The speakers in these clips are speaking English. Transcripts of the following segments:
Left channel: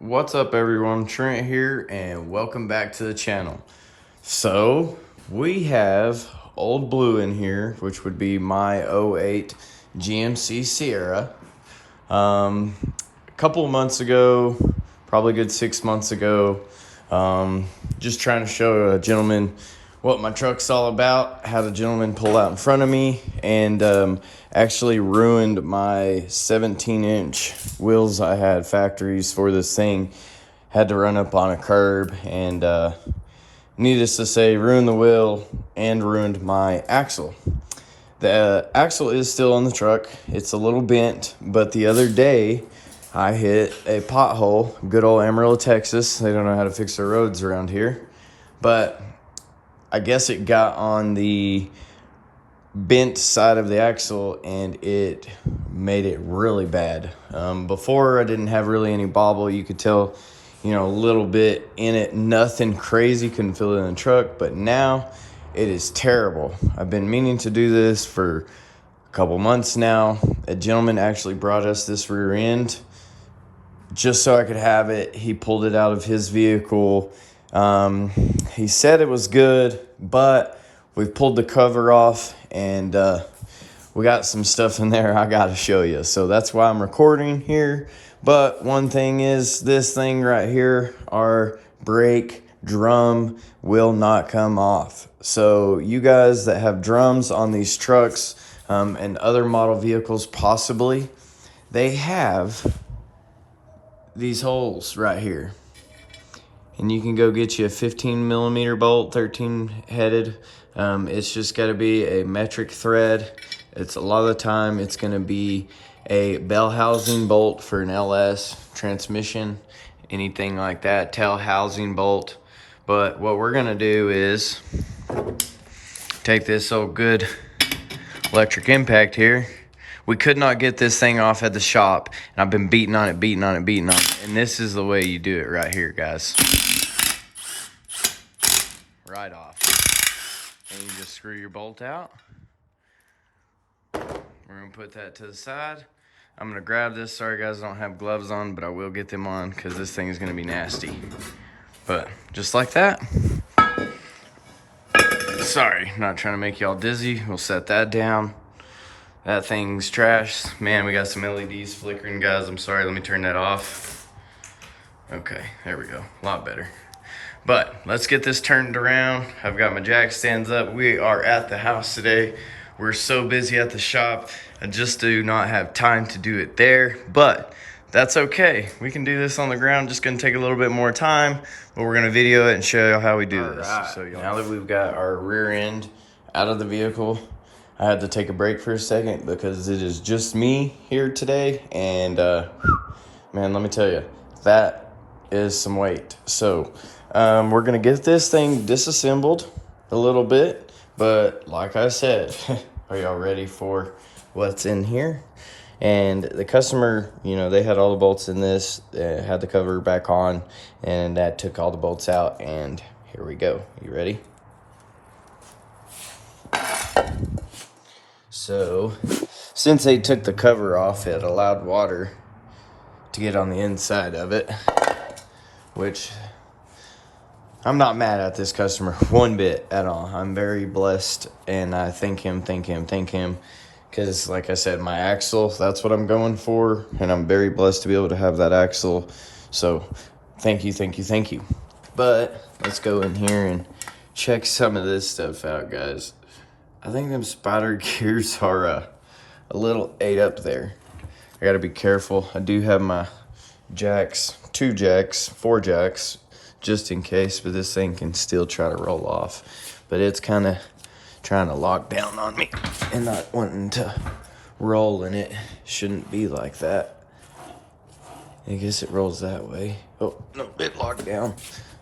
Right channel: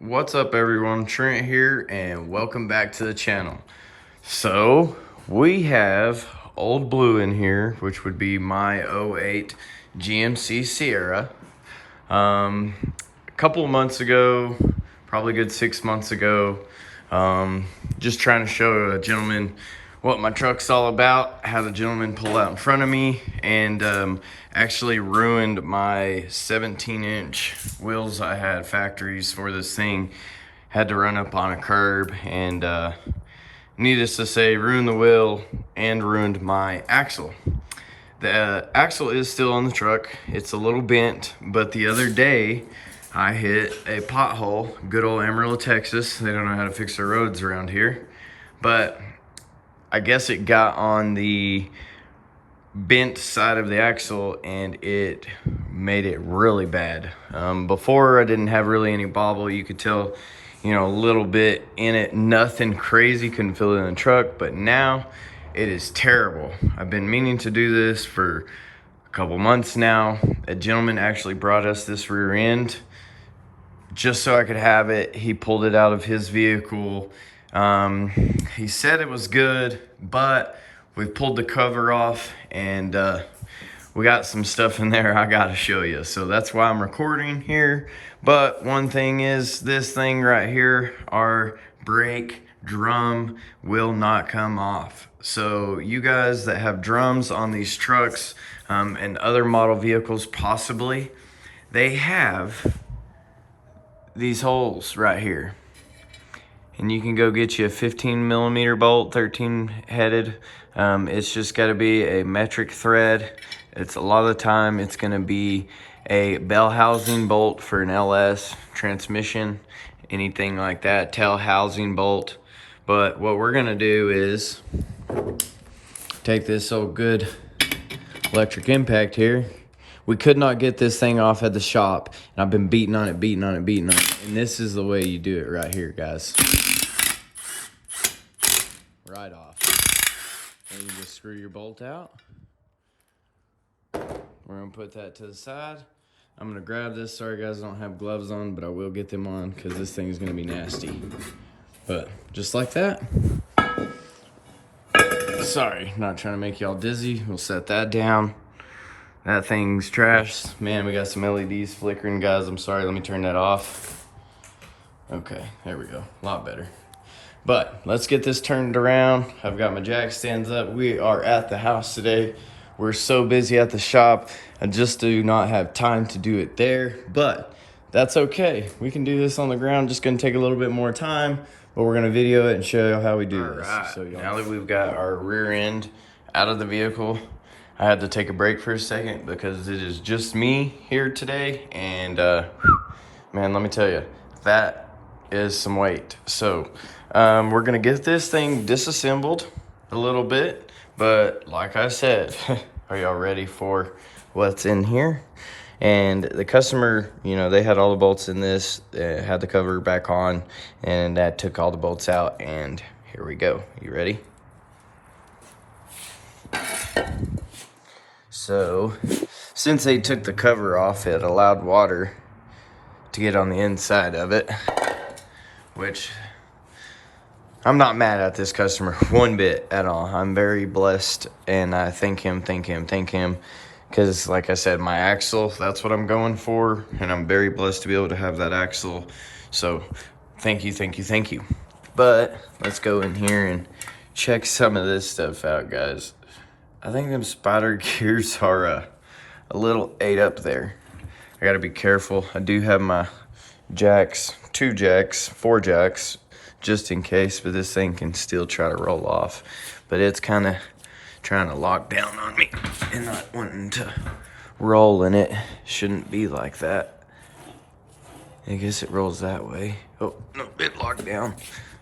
What's up everyone, Trent here and welcome back to the channel. So we have Old Blue in here, which would be my '08 GMC Sierra. A couple of months ago, probably a good 6 months ago, just trying to show a gentleman what my truck's all about. Had a gentleman pull out in front of me and actually ruined my 17-inch wheels I had factories for this thing. Had to run up on a curb and needless to say, ruined the wheel and ruined my axle. The axle is still on the truck. It's a little bent, but the other day I hit a pothole. Good old Amarillo, Texas. They don't know how to fix their roads around here. But I guess it got on the bent side of the axle and it made it really bad. Before I didn't have really any bobble. You could tell, a little bit in it. Nothing crazy, couldn't feel it in the truck. But now it is terrible. I've been meaning to do this for a couple months now. A gentleman actually brought us this rear end just so I could have it. He pulled it out of his vehicle. He said it was good, but we pulled the cover off and we got some stuff in there I gotta show you. So that's why I'm recording here. But one thing is, this thing right here, our brake drum will not come off. So you guys that have drums on these trucks and other model vehicles possibly, they have these holes right here. And you can go get you a 15 millimeter bolt, 13 headed. It's just got to be a metric thread. It's a lot of the time it's going to be a bell housing bolt for an LS transmission, anything like that, tail housing bolt. But what we're going to do is take this old good electric impact here. We could not get this thing off at the shop, and I've been beating on it. And this is the way you do it right here, guys. Right off. And you just screw your bolt out. We're gonna put that to the side. I'm gonna grab this. Sorry guys, I don't have gloves on, but I will get them on because this thing is gonna be nasty. But just like that. Sorry, not trying to make y'all dizzy. We'll set that down. That thing's trash. Man, we got some LEDs flickering, guys. I'm sorry, let me turn that off. Okay, there we go, a lot better. But let's get this turned around. I've got my jack stands up. We are at the house today. We're so busy at the shop. I just do not have time to do it there, but that's okay. We can do this on the ground. Just gonna take a little bit more time, but we're gonna video it and show you how we do this. Right. So now that we've got our rear end out of the vehicle, I had to take a break for a second because it is just me here today. And man, let me tell you, that is some weight. So we're gonna get this thing disassembled a little bit, but like I said, are y'all ready for what's in here? And the customer, they had all the bolts in this, had the cover back on, and that took all the bolts out, and here we go. You ready? So since they took the cover off, it allowed water to get on the inside of it, which I'm not mad at this customer one bit at all. I'm very blessed, and I thank him, because like I said, my axle, that's what I'm going for, and I'm very blessed to be able to have that axle. So thank you. But let's go in here and check some of this stuff out, guys. I think them spider gears are a little ate up there. I gotta be careful. I do have my jacks, 4 jacks, just in case, but this thing can still try to roll off. But it's kind of trying to lock down on me and not wanting to roll, and it shouldn't be like that. I guess it rolls that way. Oh, no, it locked down.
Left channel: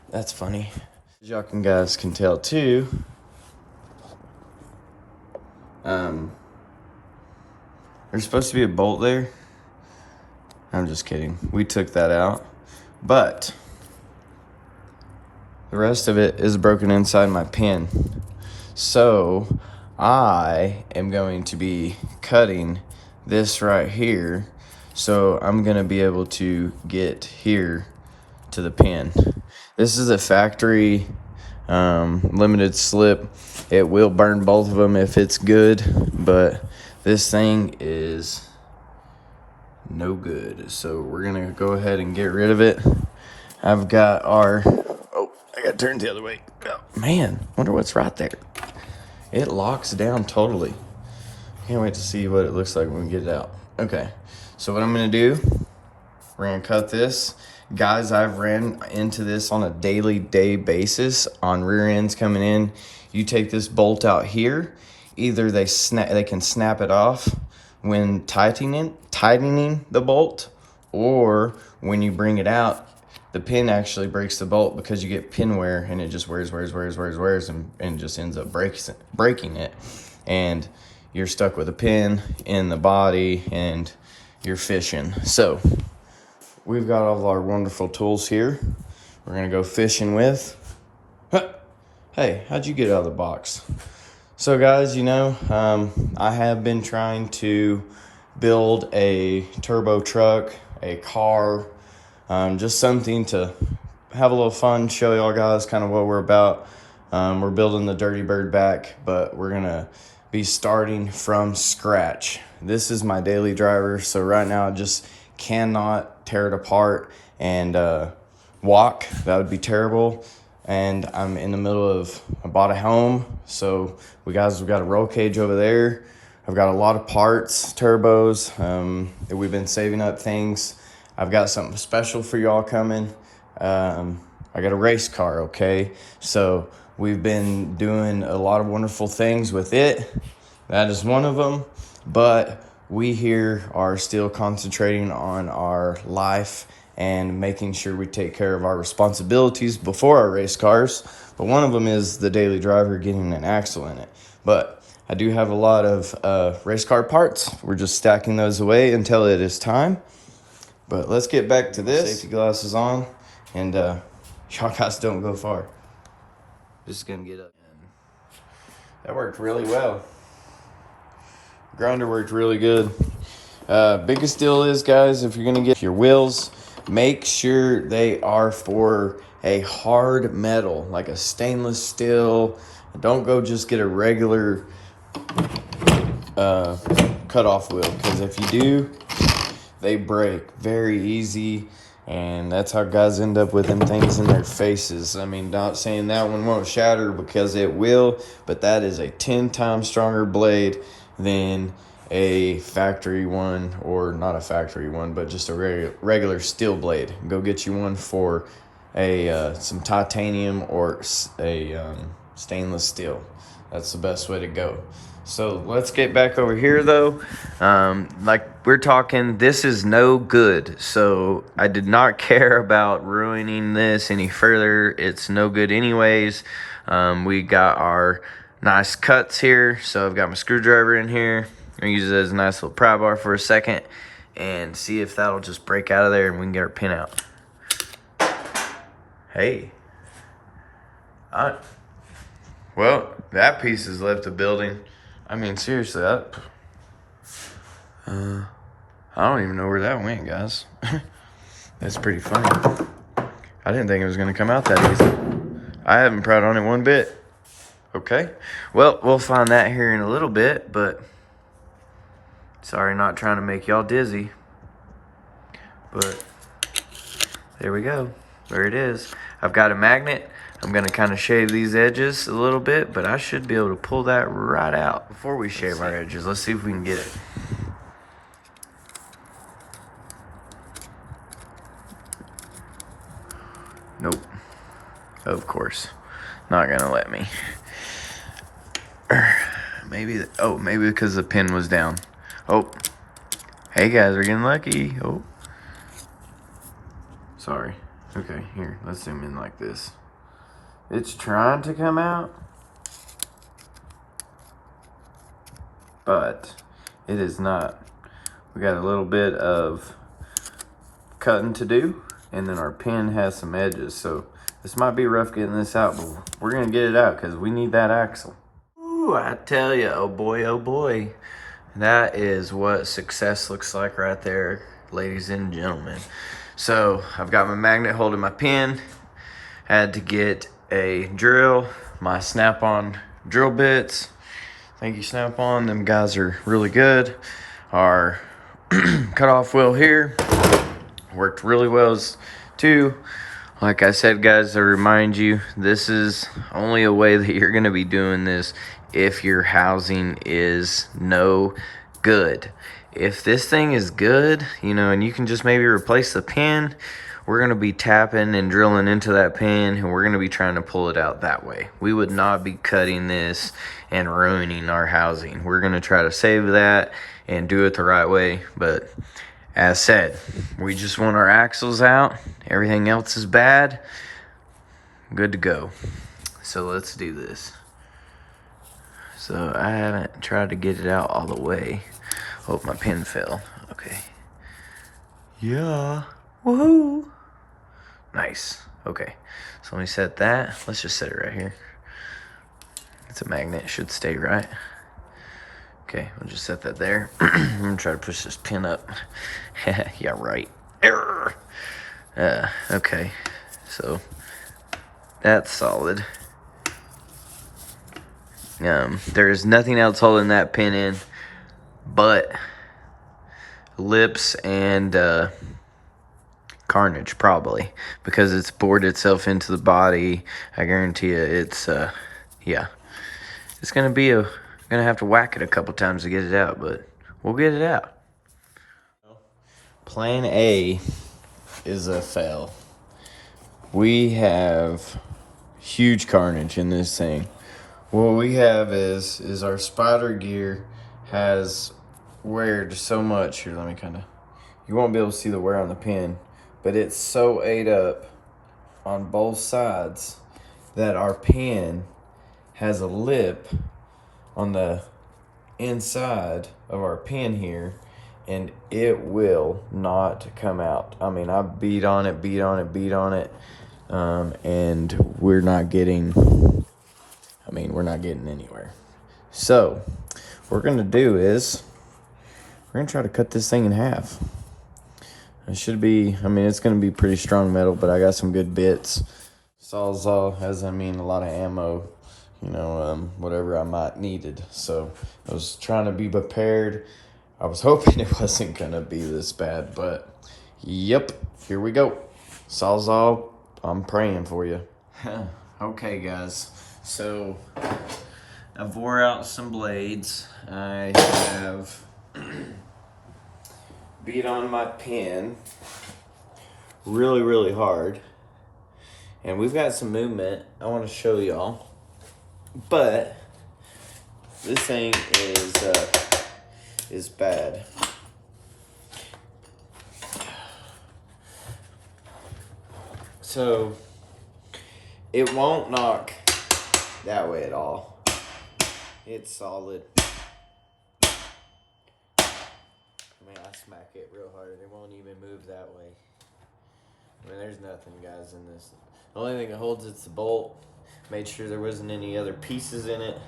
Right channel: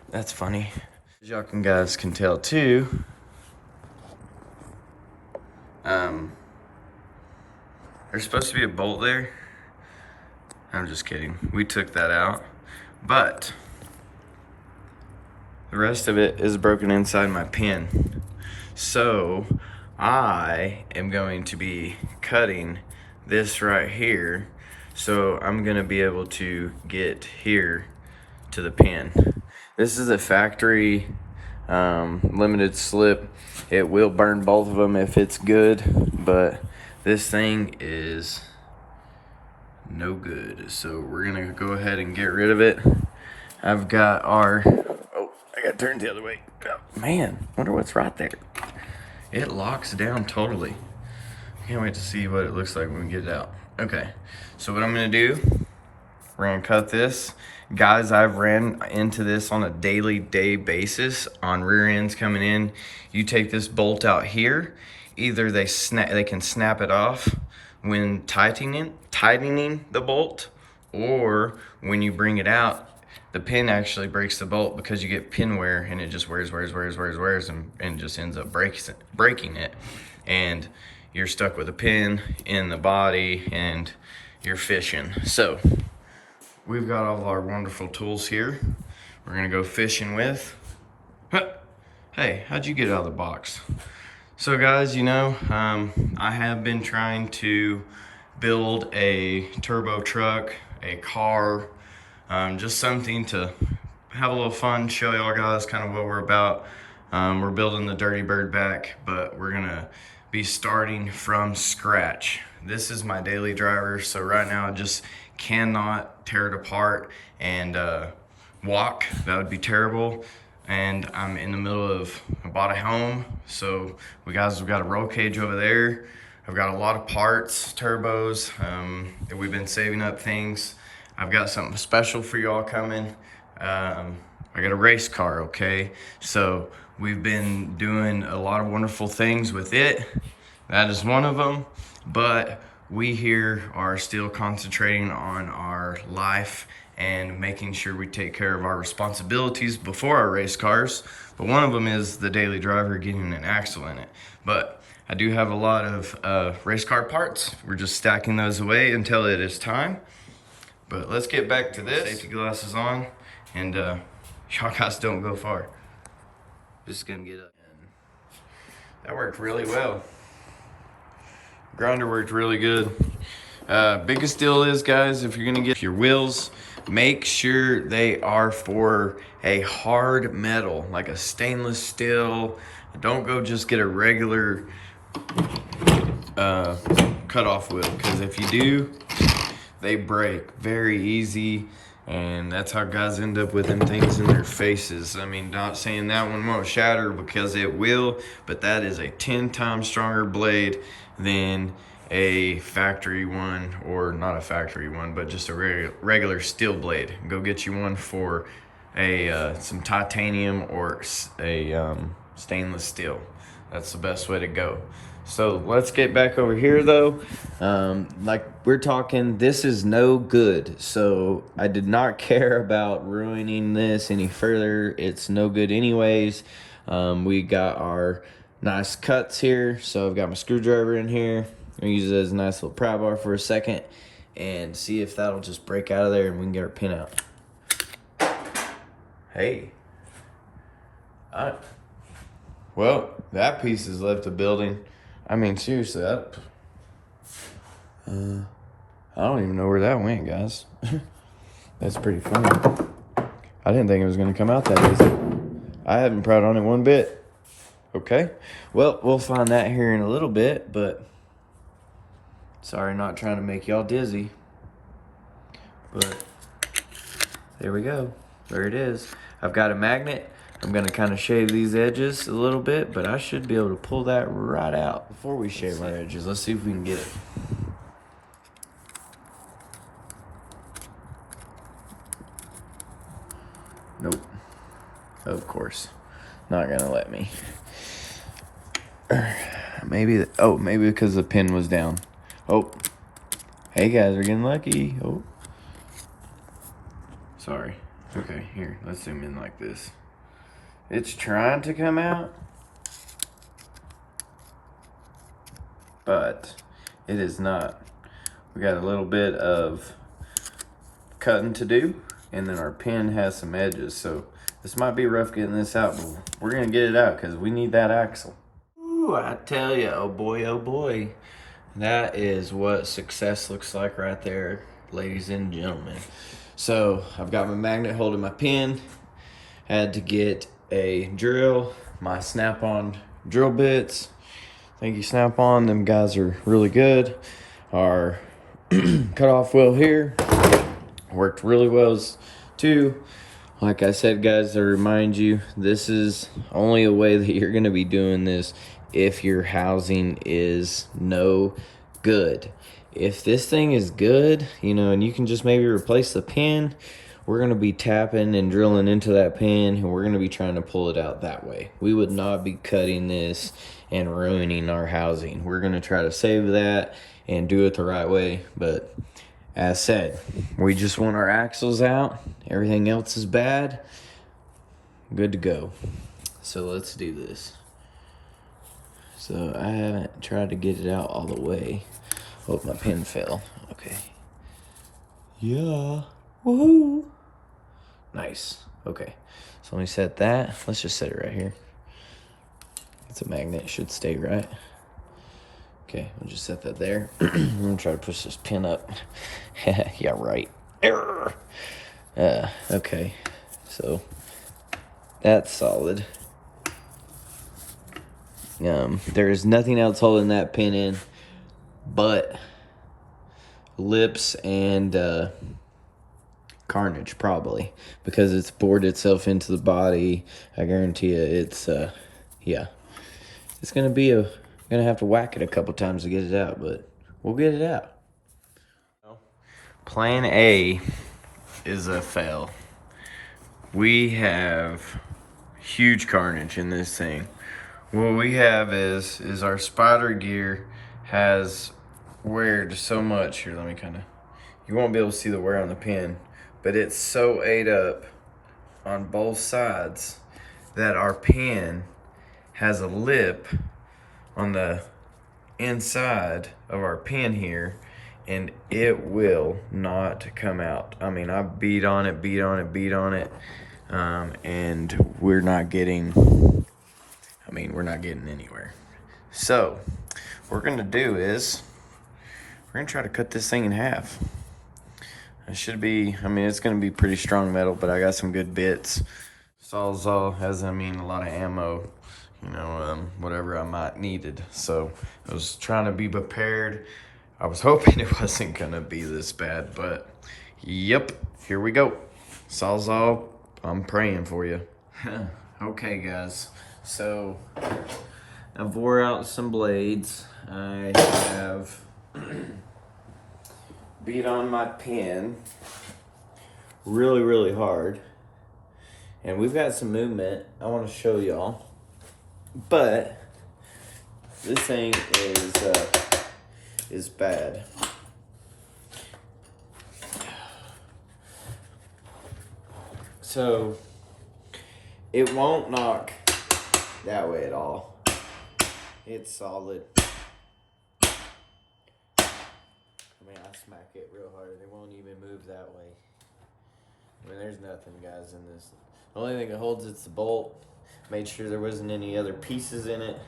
That's funny. As y'all guys can tell too, there's supposed to be a bolt there. I'm just kidding. We took that out. But the rest of it is broken inside my pin. So I am going to be cutting this right here. So I'm gonna be able to get here to the pin. This is a factory limited slip. It will burn both of them if it's good, but this thing is no good. So we're gonna go ahead and get rid of it. I've got our, oh, I got turned the other way. Oh, man, wonder what's right there. It locks down totally. Can't wait to see what it looks like when we get it out. Okay, so what I'm gonna do, we're gonna cut this. Guys, I've ran into this on a daily basis on rear ends coming in. You take this bolt out here, either they can snap it off when tightening the bolt, or when you bring it out, the pin actually breaks the bolt because you get pin wear and it just wears and just ends up breaking it. And you're stuck with a pin in the body and you're fishing. So we've got all of our wonderful tools here. We're gonna go fishing with. Hey, how'd you get out of the box? So guys, you know, I have been trying to build a turbo truck, a car, just something to have a little fun, show y'all guys kind of what we're about. We're building the Dirty Bird back, but we're gonna be starting from scratch. This is my daily driver, so right now I just cannot tear it apart and walk. That would be terrible. And I'm in the middle of, I bought a home, so we've got a roll cage over there. I've got a lot of parts, turbos, that we've been saving up things. I've got something special for y'all coming. I got a race car, okay? So we've been doing a lot of wonderful things with it. That is one of them, but we here are still concentrating on our life and making sure we take care of our responsibilities before our race cars. But one of them is the daily driver getting an axle in it. But I do have a lot of race car parts. We're just stacking those away until it is time. But let's get back to this. Safety glasses on, and y'all guys don't go far. This is gonna get up. That worked really well. Grinder worked really good. Biggest deal is, guys, if you're gonna get your wheels, make sure they are for a hard metal, like a stainless steel. Don't go just get a regular cutoff wheel, because if you do, they break very easy, and that's how guys end up with them things in their faces. I mean, not saying that one won't shatter, because it will, but that is a 10 times stronger blade than a factory one, or not a factory one, but just a regular steel blade. Go get you one for a some titanium or a stainless steel. That's the best way to go. So let's get back over here though. Like we're talking, this is no good. So I did not care about ruining this any further. It's no good anyways. We got our nice cuts here. So I've got my screwdriver in here. I'm gonna use it as a nice little pry bar for a second and see if that'll just break out of there and we can get our pin out. Hey. Well, that piece has left the building. I mean, seriously, I don't even know where that went, guys. That's pretty funny. I didn't think it was gonna come out that easy. I haven't pried on it one bit. Okay, well, we'll find that here in a little bit, but sorry, not trying to make y'all dizzy. But there we go. There it is. I've got a magnet. I'm gonna kind of shave these edges a little bit, but I should be able to pull that right out. Before we shave our edges, let's see if we can get it. Nope. Of course. Not gonna let me. Maybe because the pin was down. Oh. Hey guys, we're getting lucky. Oh. Sorry. Okay, here, let's zoom in like this. It's trying to come out, but it is not. We got a little bit of cutting to do, and then our pin has some edges, so this might be rough getting this out, but we're gonna get it out because we need that axle. Ooh, I tell you, oh boy, that is what success looks like right there, ladies and gentlemen. So I've got my magnet holding my pin. Had to get a drill, my Snap-on drill bits. Thank you, Snap-on. Them guys are really good. Our cutoff wheel here worked really well too. Like I said, guys, I remind you, this is only a way that you're going to be doing this if your housing is no good. If this thing is good, you know, and you can just maybe replace the pin, we're going to be tapping and drilling into that pin, and we're going to be trying to pull it out that way. We would not be cutting this and ruining our housing. We're going to try to save that and do it the right way, but as said, we just want our axles out. Everything else is bad. Good to go. So let's do this. So I haven't tried to get it out all the way. Oh, my pin fell. Okay. Yeah. Woohoo. Nice. Okay. So let me set that. Let's just set it right here. It's a magnet. It should stay right. Okay, we'll just set that there. I'm gonna try to push this pin up. Yeah, right. Error. Okay, so that's solid. There is nothing else holding that pin in but lips and carnage, probably, because it's bored itself into the body. I guarantee you, it's yeah, it's gonna have to whack it a couple times to get it out, but we'll get it out. Plan A is a fail. We have huge carnage in this thing. What we have is our spider gear has weared so much. Here, let me you won't be able to see the wear on the pin, but it's so ate up on both sides that our pin has a lip on the inside of our pin here, and it will not come out. I mean, I beat on it, and we're not getting anywhere. So what we're gonna do is we're gonna try to cut this thing in half. It should be, I mean, it's gonna be pretty strong metal, but I got some good bits. Sawzall has, I mean, a lot of ammo, you know, whatever I might needed. So I was trying to be prepared. I was hoping it wasn't gonna be this bad, but yep, here we go. Sawzall, I'm praying for you. Okay, guys, so I've wore out some blades. I have beat on my pin really, really hard. And we've got some movement I want to show y'all. But this thing is bad. So it won't knock that way at all. It's solid. I mean, I smack it real hard. It won't even move that way. I mean, there's nothing, guys, in this. The only thing that holds it's the bolt. Made sure there wasn't any other pieces in it.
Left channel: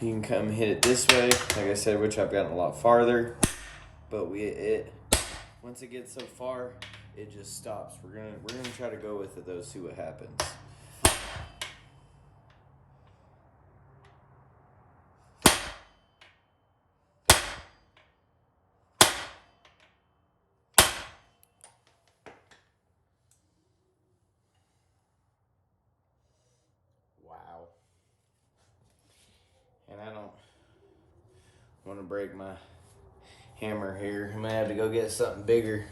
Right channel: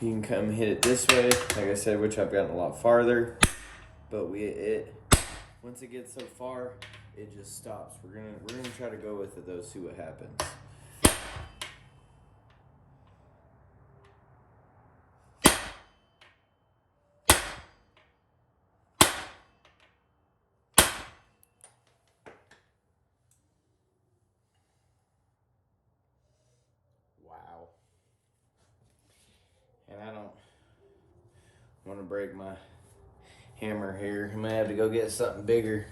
You can come hit it this way, like I said, which I've gotten a lot farther. But once it gets so far, it just stops. We're gonna try to go with it though, see what happens. Wow. And I don't want to break my hammer here. I'm gonna have to go get something bigger.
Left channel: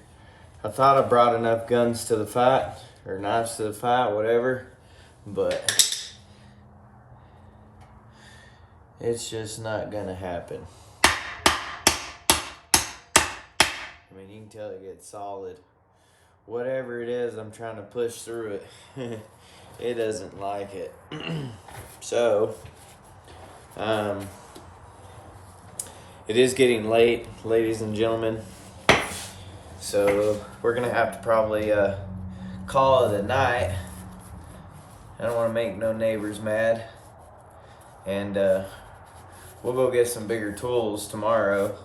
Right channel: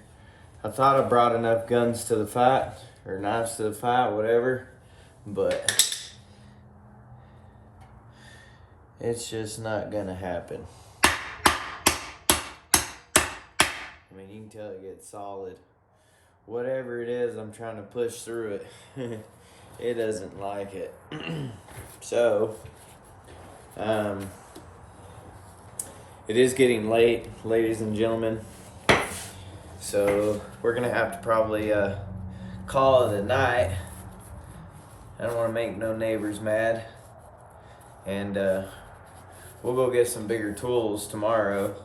I thought I brought enough guns to the fight, or knives to the fight, whatever, but it's just not gonna happen. I mean, you can tell it gets solid. Whatever it is, I'm trying to push through it. It doesn't like it. So, it is getting late, ladies and gentlemen. So we're gonna have to probably call it a night. I don't want to make no neighbors mad, and we'll go get some bigger tools tomorrow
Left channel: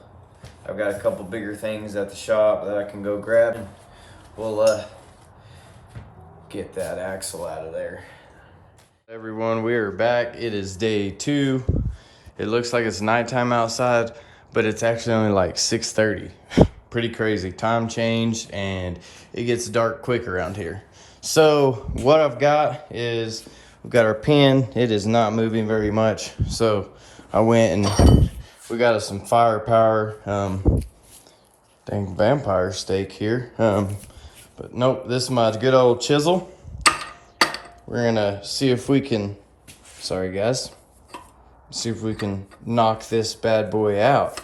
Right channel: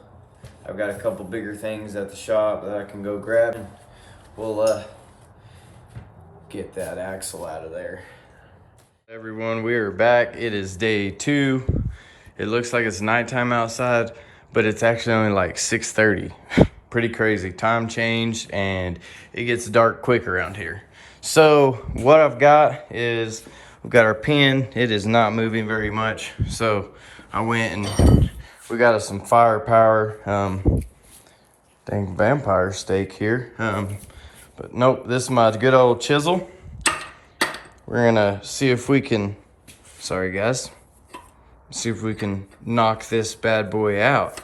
I've got a couple bigger things at the shop that I can go grab, and we'll get that axle out of there. Everyone, we are back. It is day 2. It looks like it's nighttime outside, but it's actually only like 6:30. Pretty crazy. Time changed and it gets dark quick around here. So what I've got is we've got our pin. It is not moving very much. So I went and we got us some firepower. Dang vampire steak here. But nope, this is my good old chisel. We're gonna see if we can, sorry guys, see if we can knock this bad boy out.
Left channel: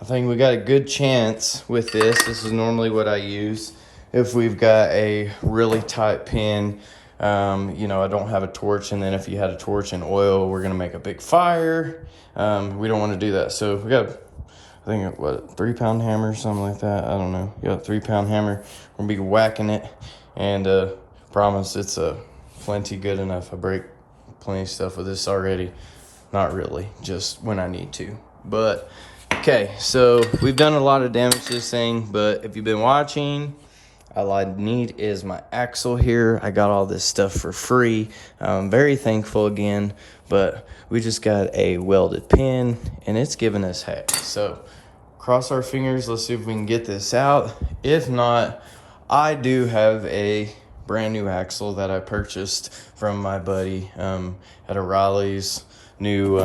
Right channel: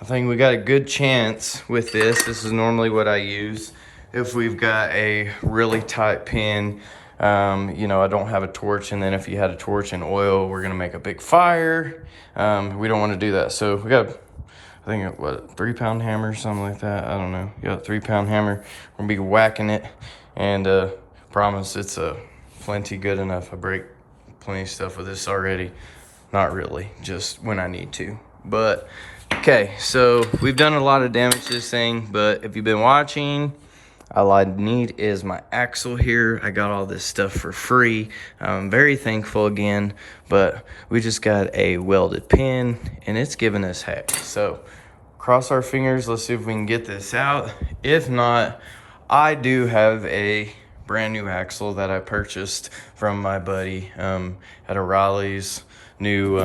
I think we got a good chance with this. This is normally what I use if we've got a really tight pin. You know, I don't have a torch, and then if you had a torch and oil, we're gonna make a big fire. We don't wanna do that. So we got, I think, what, 3-pound hammer, something like that. I don't know. You got a 3-pound hammer. We're gonna be whacking it, and promise it's plenty good enough. I break plenty of stuff with this already. Not really, just when I need to. But okay, so we've done a lot of damage to this thing, but if you've been watching, all I need is my axle here. I got all this stuff for free. I'm very thankful again, but we just got a welded pin and it's giving us heck. So cross our fingers, let's see if we can get this out. If not, I do have a brand new axle that I purchased from my buddy at O'Reilly's. New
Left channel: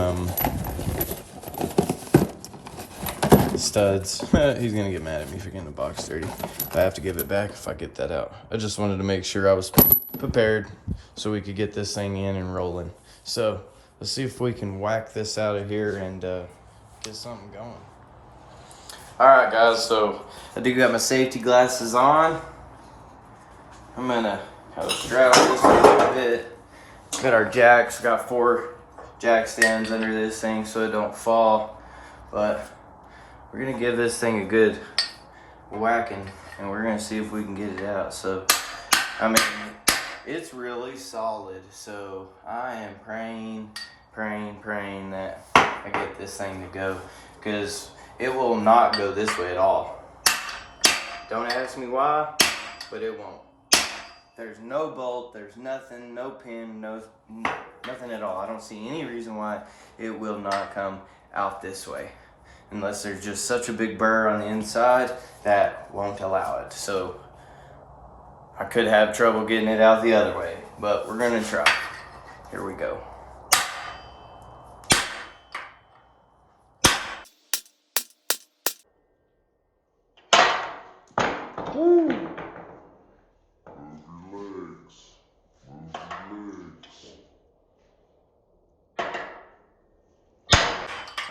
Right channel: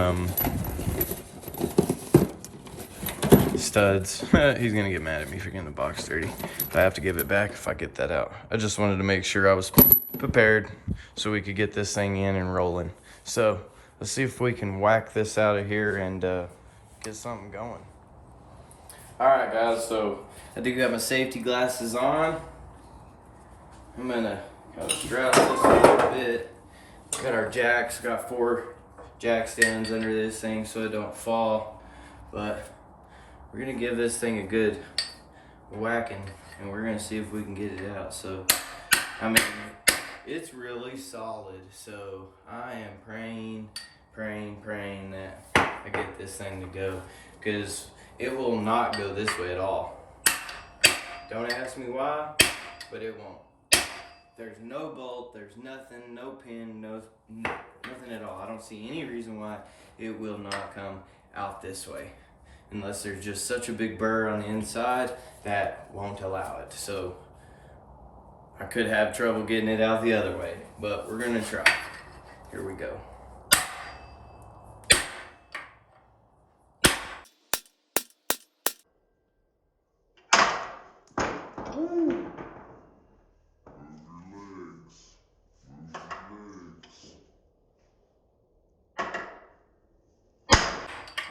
studs. He's gonna get mad at me for getting the box dirty. I have to give it back if I get that out. I just wanted to make sure I was prepared so we could get this thing in and rolling. So let's see if we can whack this out of here and get something going. All right, guys, so I do got my safety glasses on. I'm gonna kind of strap this a little bit. Got our jacks, got 4 jack stands under this thing so it don't fall. But we're gonna give this thing a good whacking and we're gonna see if we can get it out. So, I mean, it's really solid. So I am praying that I get this thing to go, because it will not go this way at all. Don't ask me why, but it won't. There's no bolt, there's nothing, no pin, nothing at all. I don't see any reason why it will not come out this way, unless there's just such a big burr on the inside that won't allow it. So I could have trouble getting it out the other way, but we're gonna try. Here we go.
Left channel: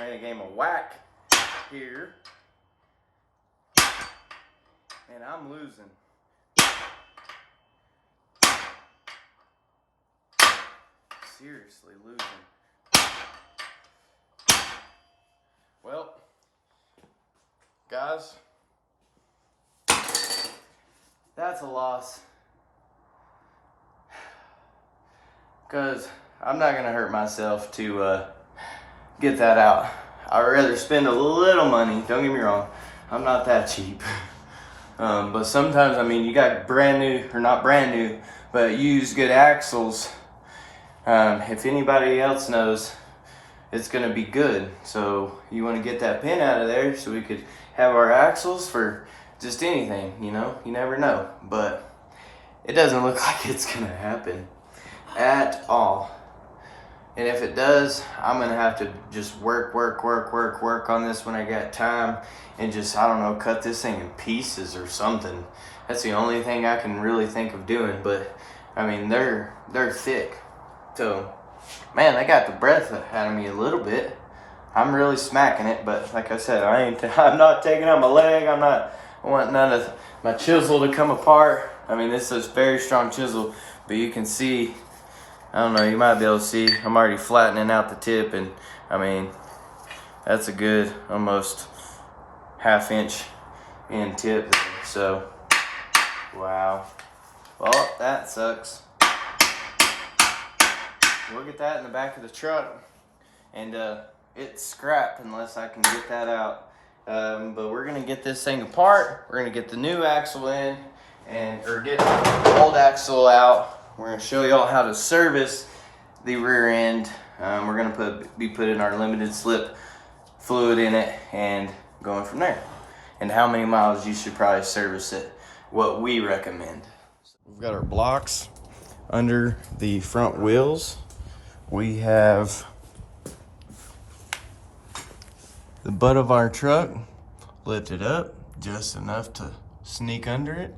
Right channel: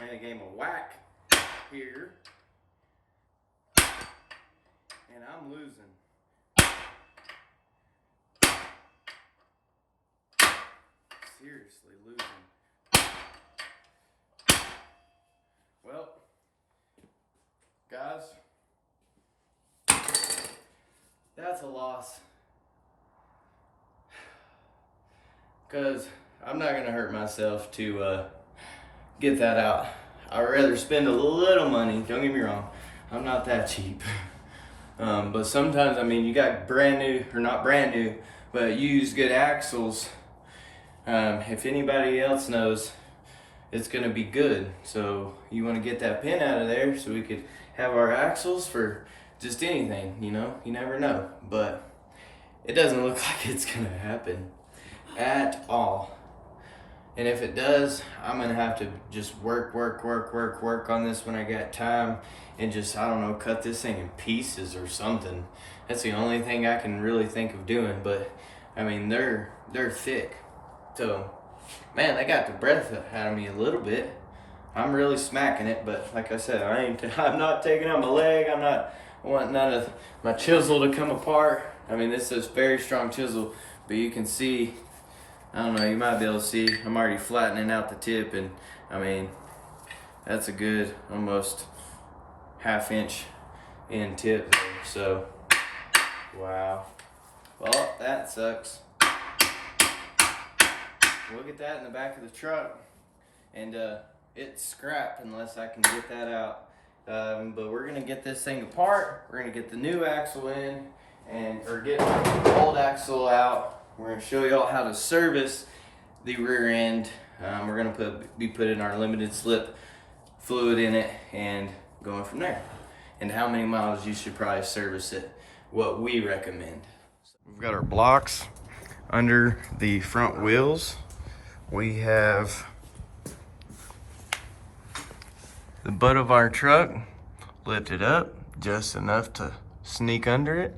Made a game of whack here, and I'm losing. Seriously losing. Well, guys, that's a loss, because I'm not gonna hurt myself to get that out. I'd rather spend a little money, don't get me wrong, I'm not that cheap. But sometimes, I mean, you got brand new, or not brand new, but used good axles. If anybody else knows, it's gonna be good. So you wanna get that pin out of there so we could have our axles for just anything, you know? You never know, but it doesn't look like it's gonna happen at all. And if it does, I'm gonna have to just work on this when I got time, and just, I don't know, cut this thing in pieces or something. That's the only thing I can really think of doing. But I mean, they're thick, so man, they got the breath out of me a little bit. I'm really smacking it, but like I said, I'm not taking out my leg. I want none of my chisel to come apart. I mean, this is very strong chisel, but you can see, I don't know, you might be able to see, I'm already flattening out the tip, and I mean, that's a good almost ½ inch in tip there. So, wow. Well, that sucks. We'll get that in the back of the truck, and it's scrap unless I can get that out But we're gonna get this thing apart. We're gonna get the new axle in or get the old axle out. We're gonna show y'all how to service the rear end. We're gonna be putting our limited slip fluid in it and going from there. And how many miles you should probably service it, what we recommend. We've got our blocks under the front wheels. We have the butt of our truck lifted up just enough to sneak under it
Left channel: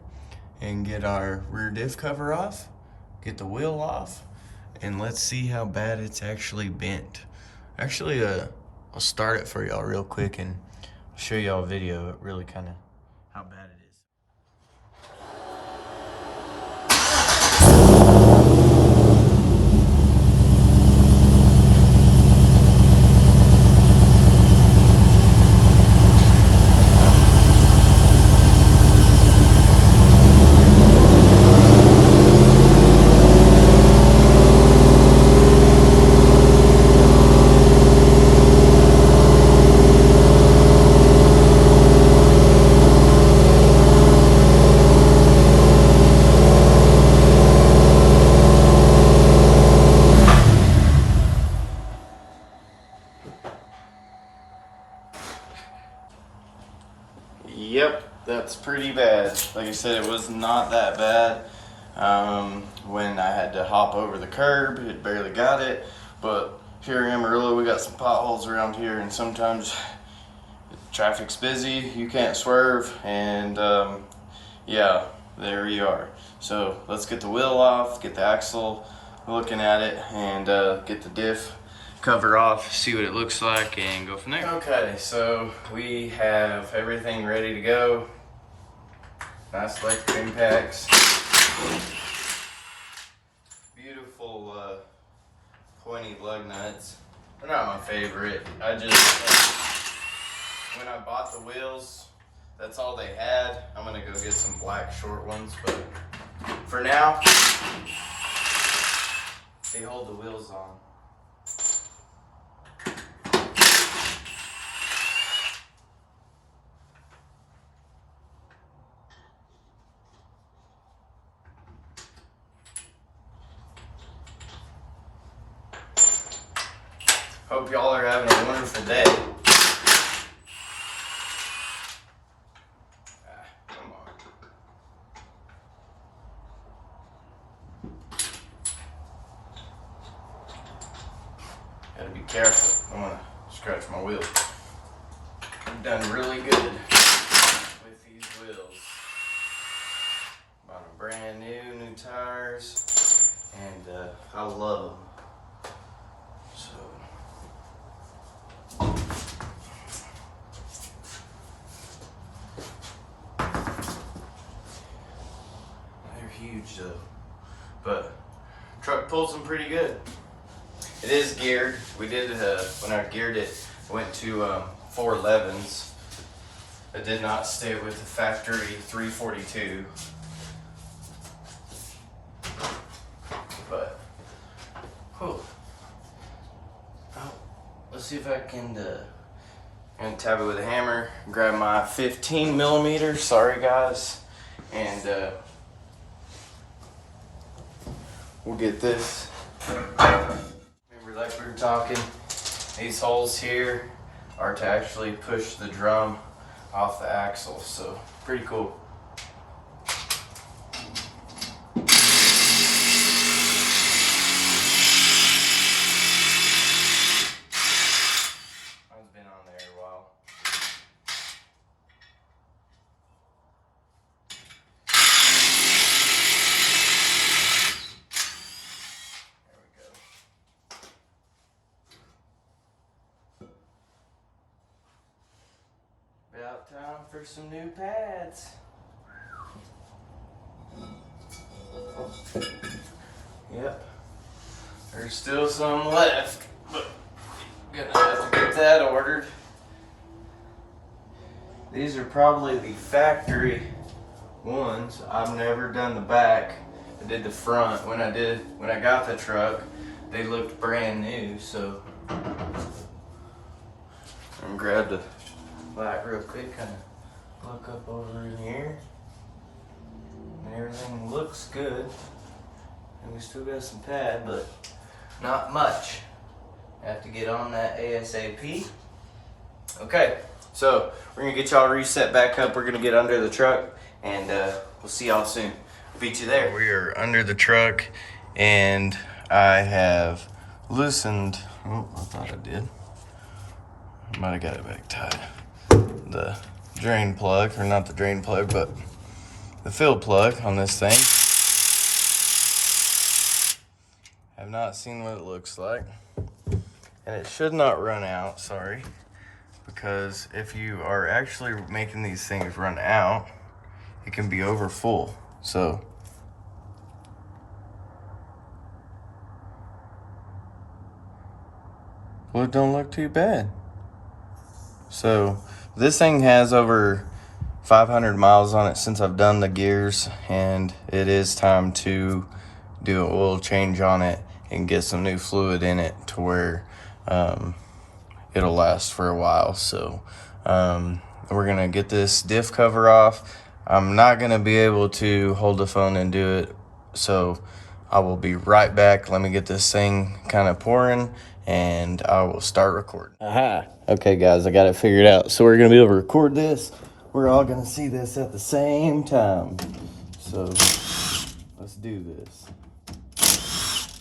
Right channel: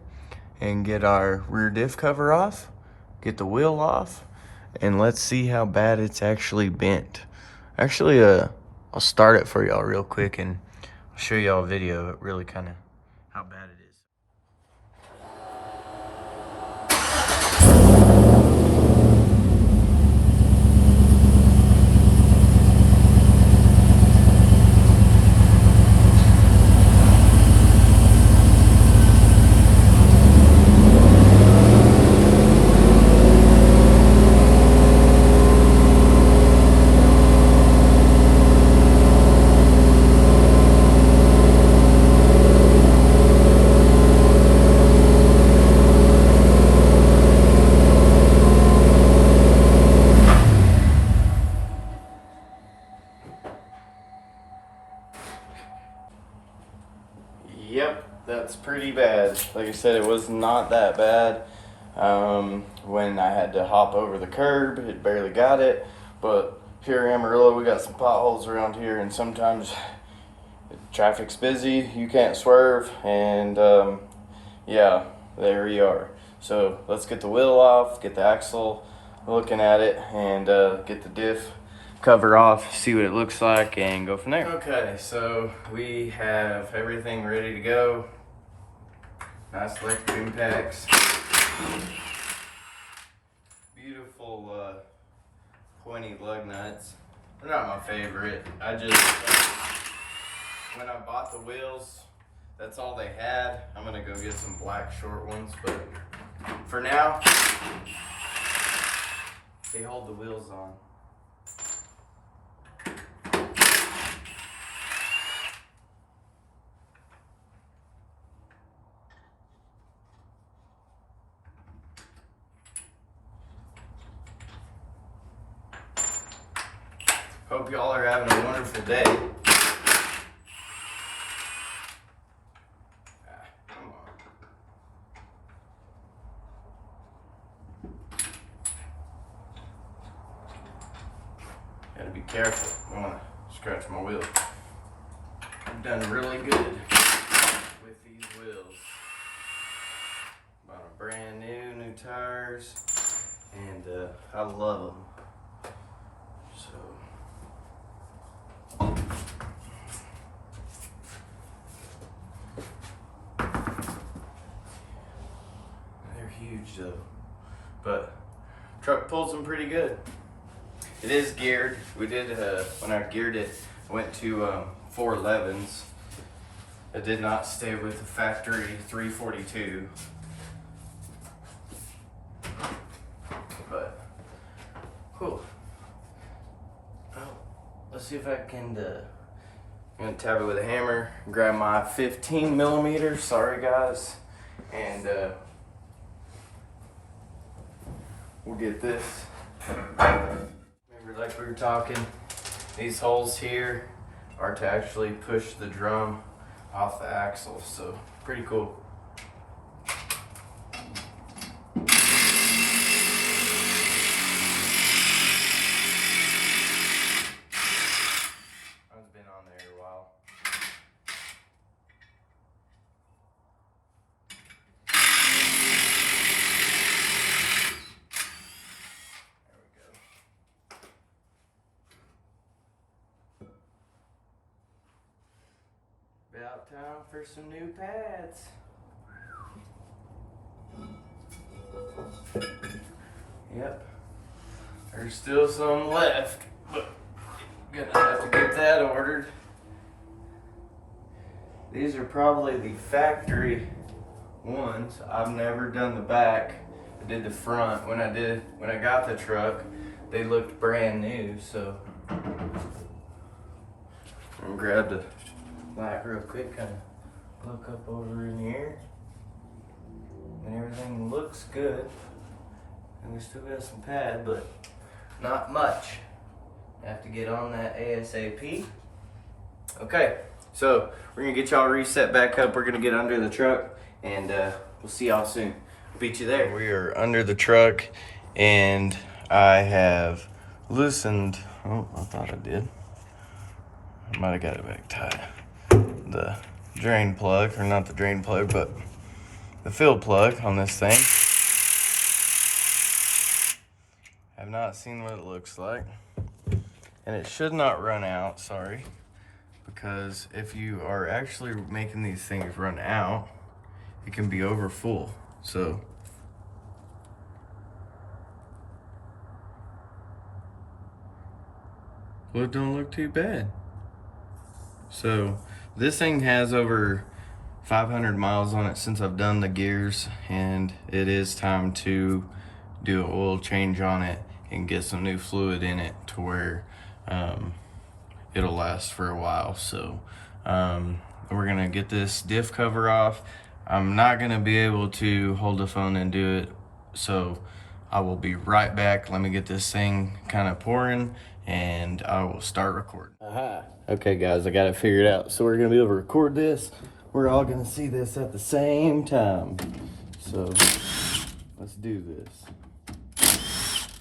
and get our rear diff cover off, get the wheel off, and let's see how bad it's actually bent. Actually, I'll start it for y'all real quick and I'll show y'all a video of really kind of how bad it is. Yep, that's pretty bad. Like I said, it was not that bad. When I had to hop over the curb, it barely got it. But here in Amarillo, we got some potholes around here, and sometimes traffic's busy, you can't swerve, and yeah, there we are. So let's get the wheel off, get the axle looking at it, and get the diff cover off, see what it looks like, and go from there. Okay, so we have everything ready to go. Nice electric impacts. Beautiful pointy lug nuts. They're not my favorite. I just, when I bought the wheels, that's all they had. I'm gonna go get some black short ones, but for now, they hold the wheels on. Hope y'all are having a wonderful day. Come on. Gotta be careful. I don't want to scratch my wheel. I've done really good with these wheels. Bought a brand new tires, and I love them. Huge though, but truck pulls them pretty good. It is geared. We did when I geared it, I went to 411s. I did not stay with the factory 342, but cool. Oh, let's see if I can I'm gonna tap it with a hammer, grab my 15 millimeter, sorry guys, and we'll get this. Remember, like we were talking, these holes here are to actually push the drum off the axle, so pretty cool. I've been on there a while. About time for some new pads. Yep. There's still some left, but gonna have to get that ordered. These are probably the factory ones. I've never done the back. I did the front. When I got the truck, they looked brand new, so I'm gonna grab the Like real quick, kind of look up over in here, and everything looks good. And we still got some pad, but not much. Have to get on that ASAP. Okay, so we're gonna get y'all reset back up. We're gonna get under the truck, and we'll see y'all soon. Beat you there. We are under the truck, and I have loosened. Oh, I thought I did. I might have got it back tight. The drain plug, or not the drain plug, but the fill plug on this thing. I've not seen what it looks like, and it should not run out, sorry, because if you are actually making these things run out, it can be over full. So well, it don't look too bad. So this thing has over 500 miles on it since I've done the gears, and it is time to do an oil change on it and get some new fluid in it to where it'll last for a while. So we're gonna get this diff cover off. I'm not gonna be able to hold the phone and do it, so I will be right back. Let me get this thing kind of pouring, and I will start recording. Aha. Okay guys, I got it figured out. So we're gonna be able to record this. We're all gonna see this at the same time. So let's do this.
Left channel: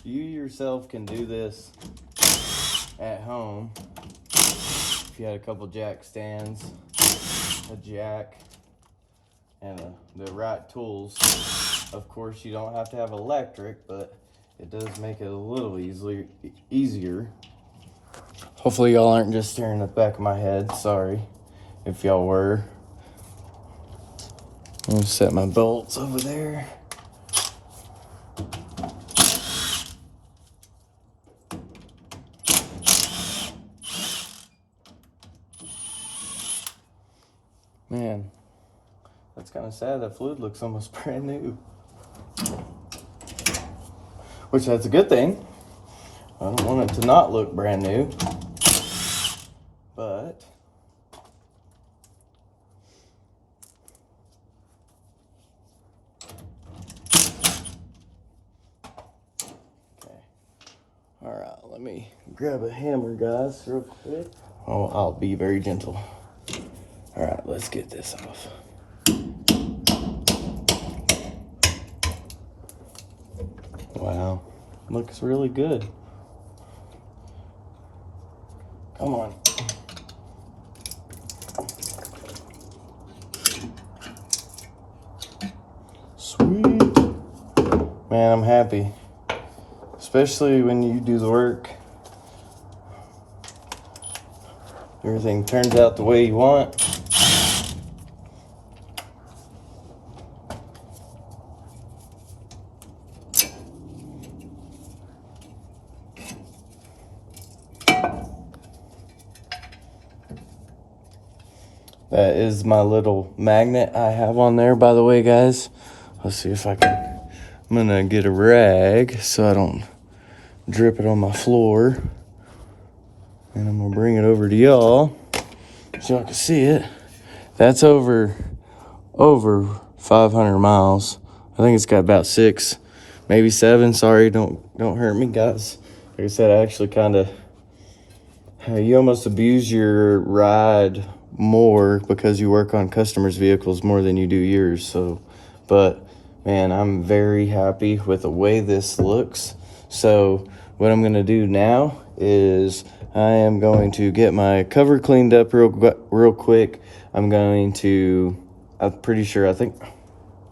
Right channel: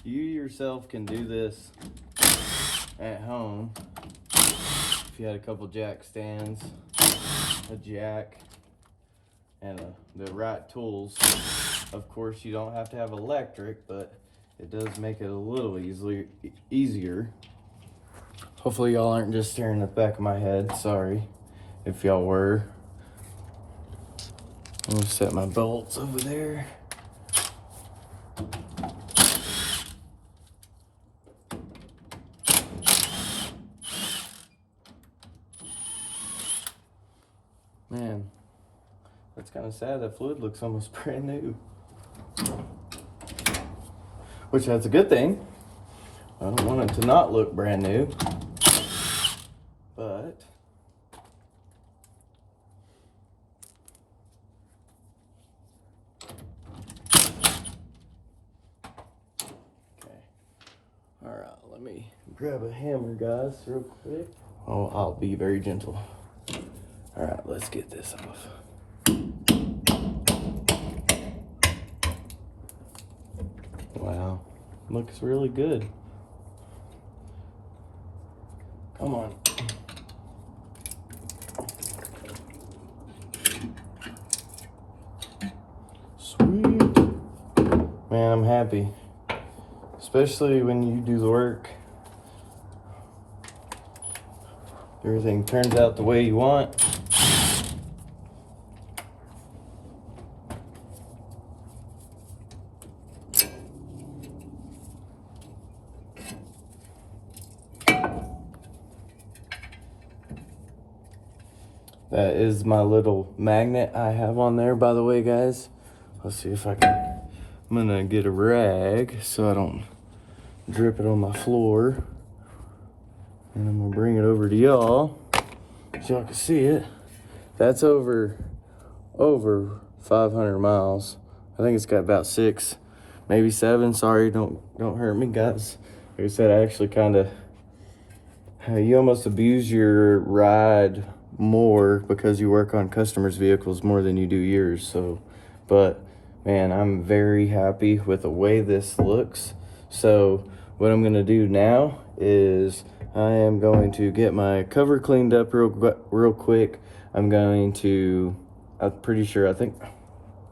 You yourself can do this at home. If you had a couple jack stands, a jack, and the right tools. Of course, you don't have to have electric, but it does make it a little easier. Hopefully y'all aren't just staring at the back of my head. Sorry if y'all were. I'm gonna set my bolts over there. Man, that's kind of sad. That fluid looks almost brand new. Which, that's a good thing. I don't want it to not look brand new. But okay. Alright, let me grab a hammer, guys, real quick. Oh, I'll be very gentle. Alright, let's get this off. Wow, looks really good. Come on. Sweet. Man, I'm happy. Especially when you do the work. Everything turns out the way you want. That is my little magnet I have on there, by the way, guys. Let's see if I can. I'm gonna get a rag so I don't drip it on my floor. And I'm gonna bring it over to y'all so y'all can see it. That's over 500 miles. I think it's got about 6, maybe 7. Sorry, don't hurt me, guys. Like I said, I actually kind of, you almost abuse your ride more because you work on customers' vehicles more than you do yours. So, but man, I'm very happy with the way this looks. So what I'm gonna do now is I am going to get my cover cleaned up real quick. I'm pretty sure, I think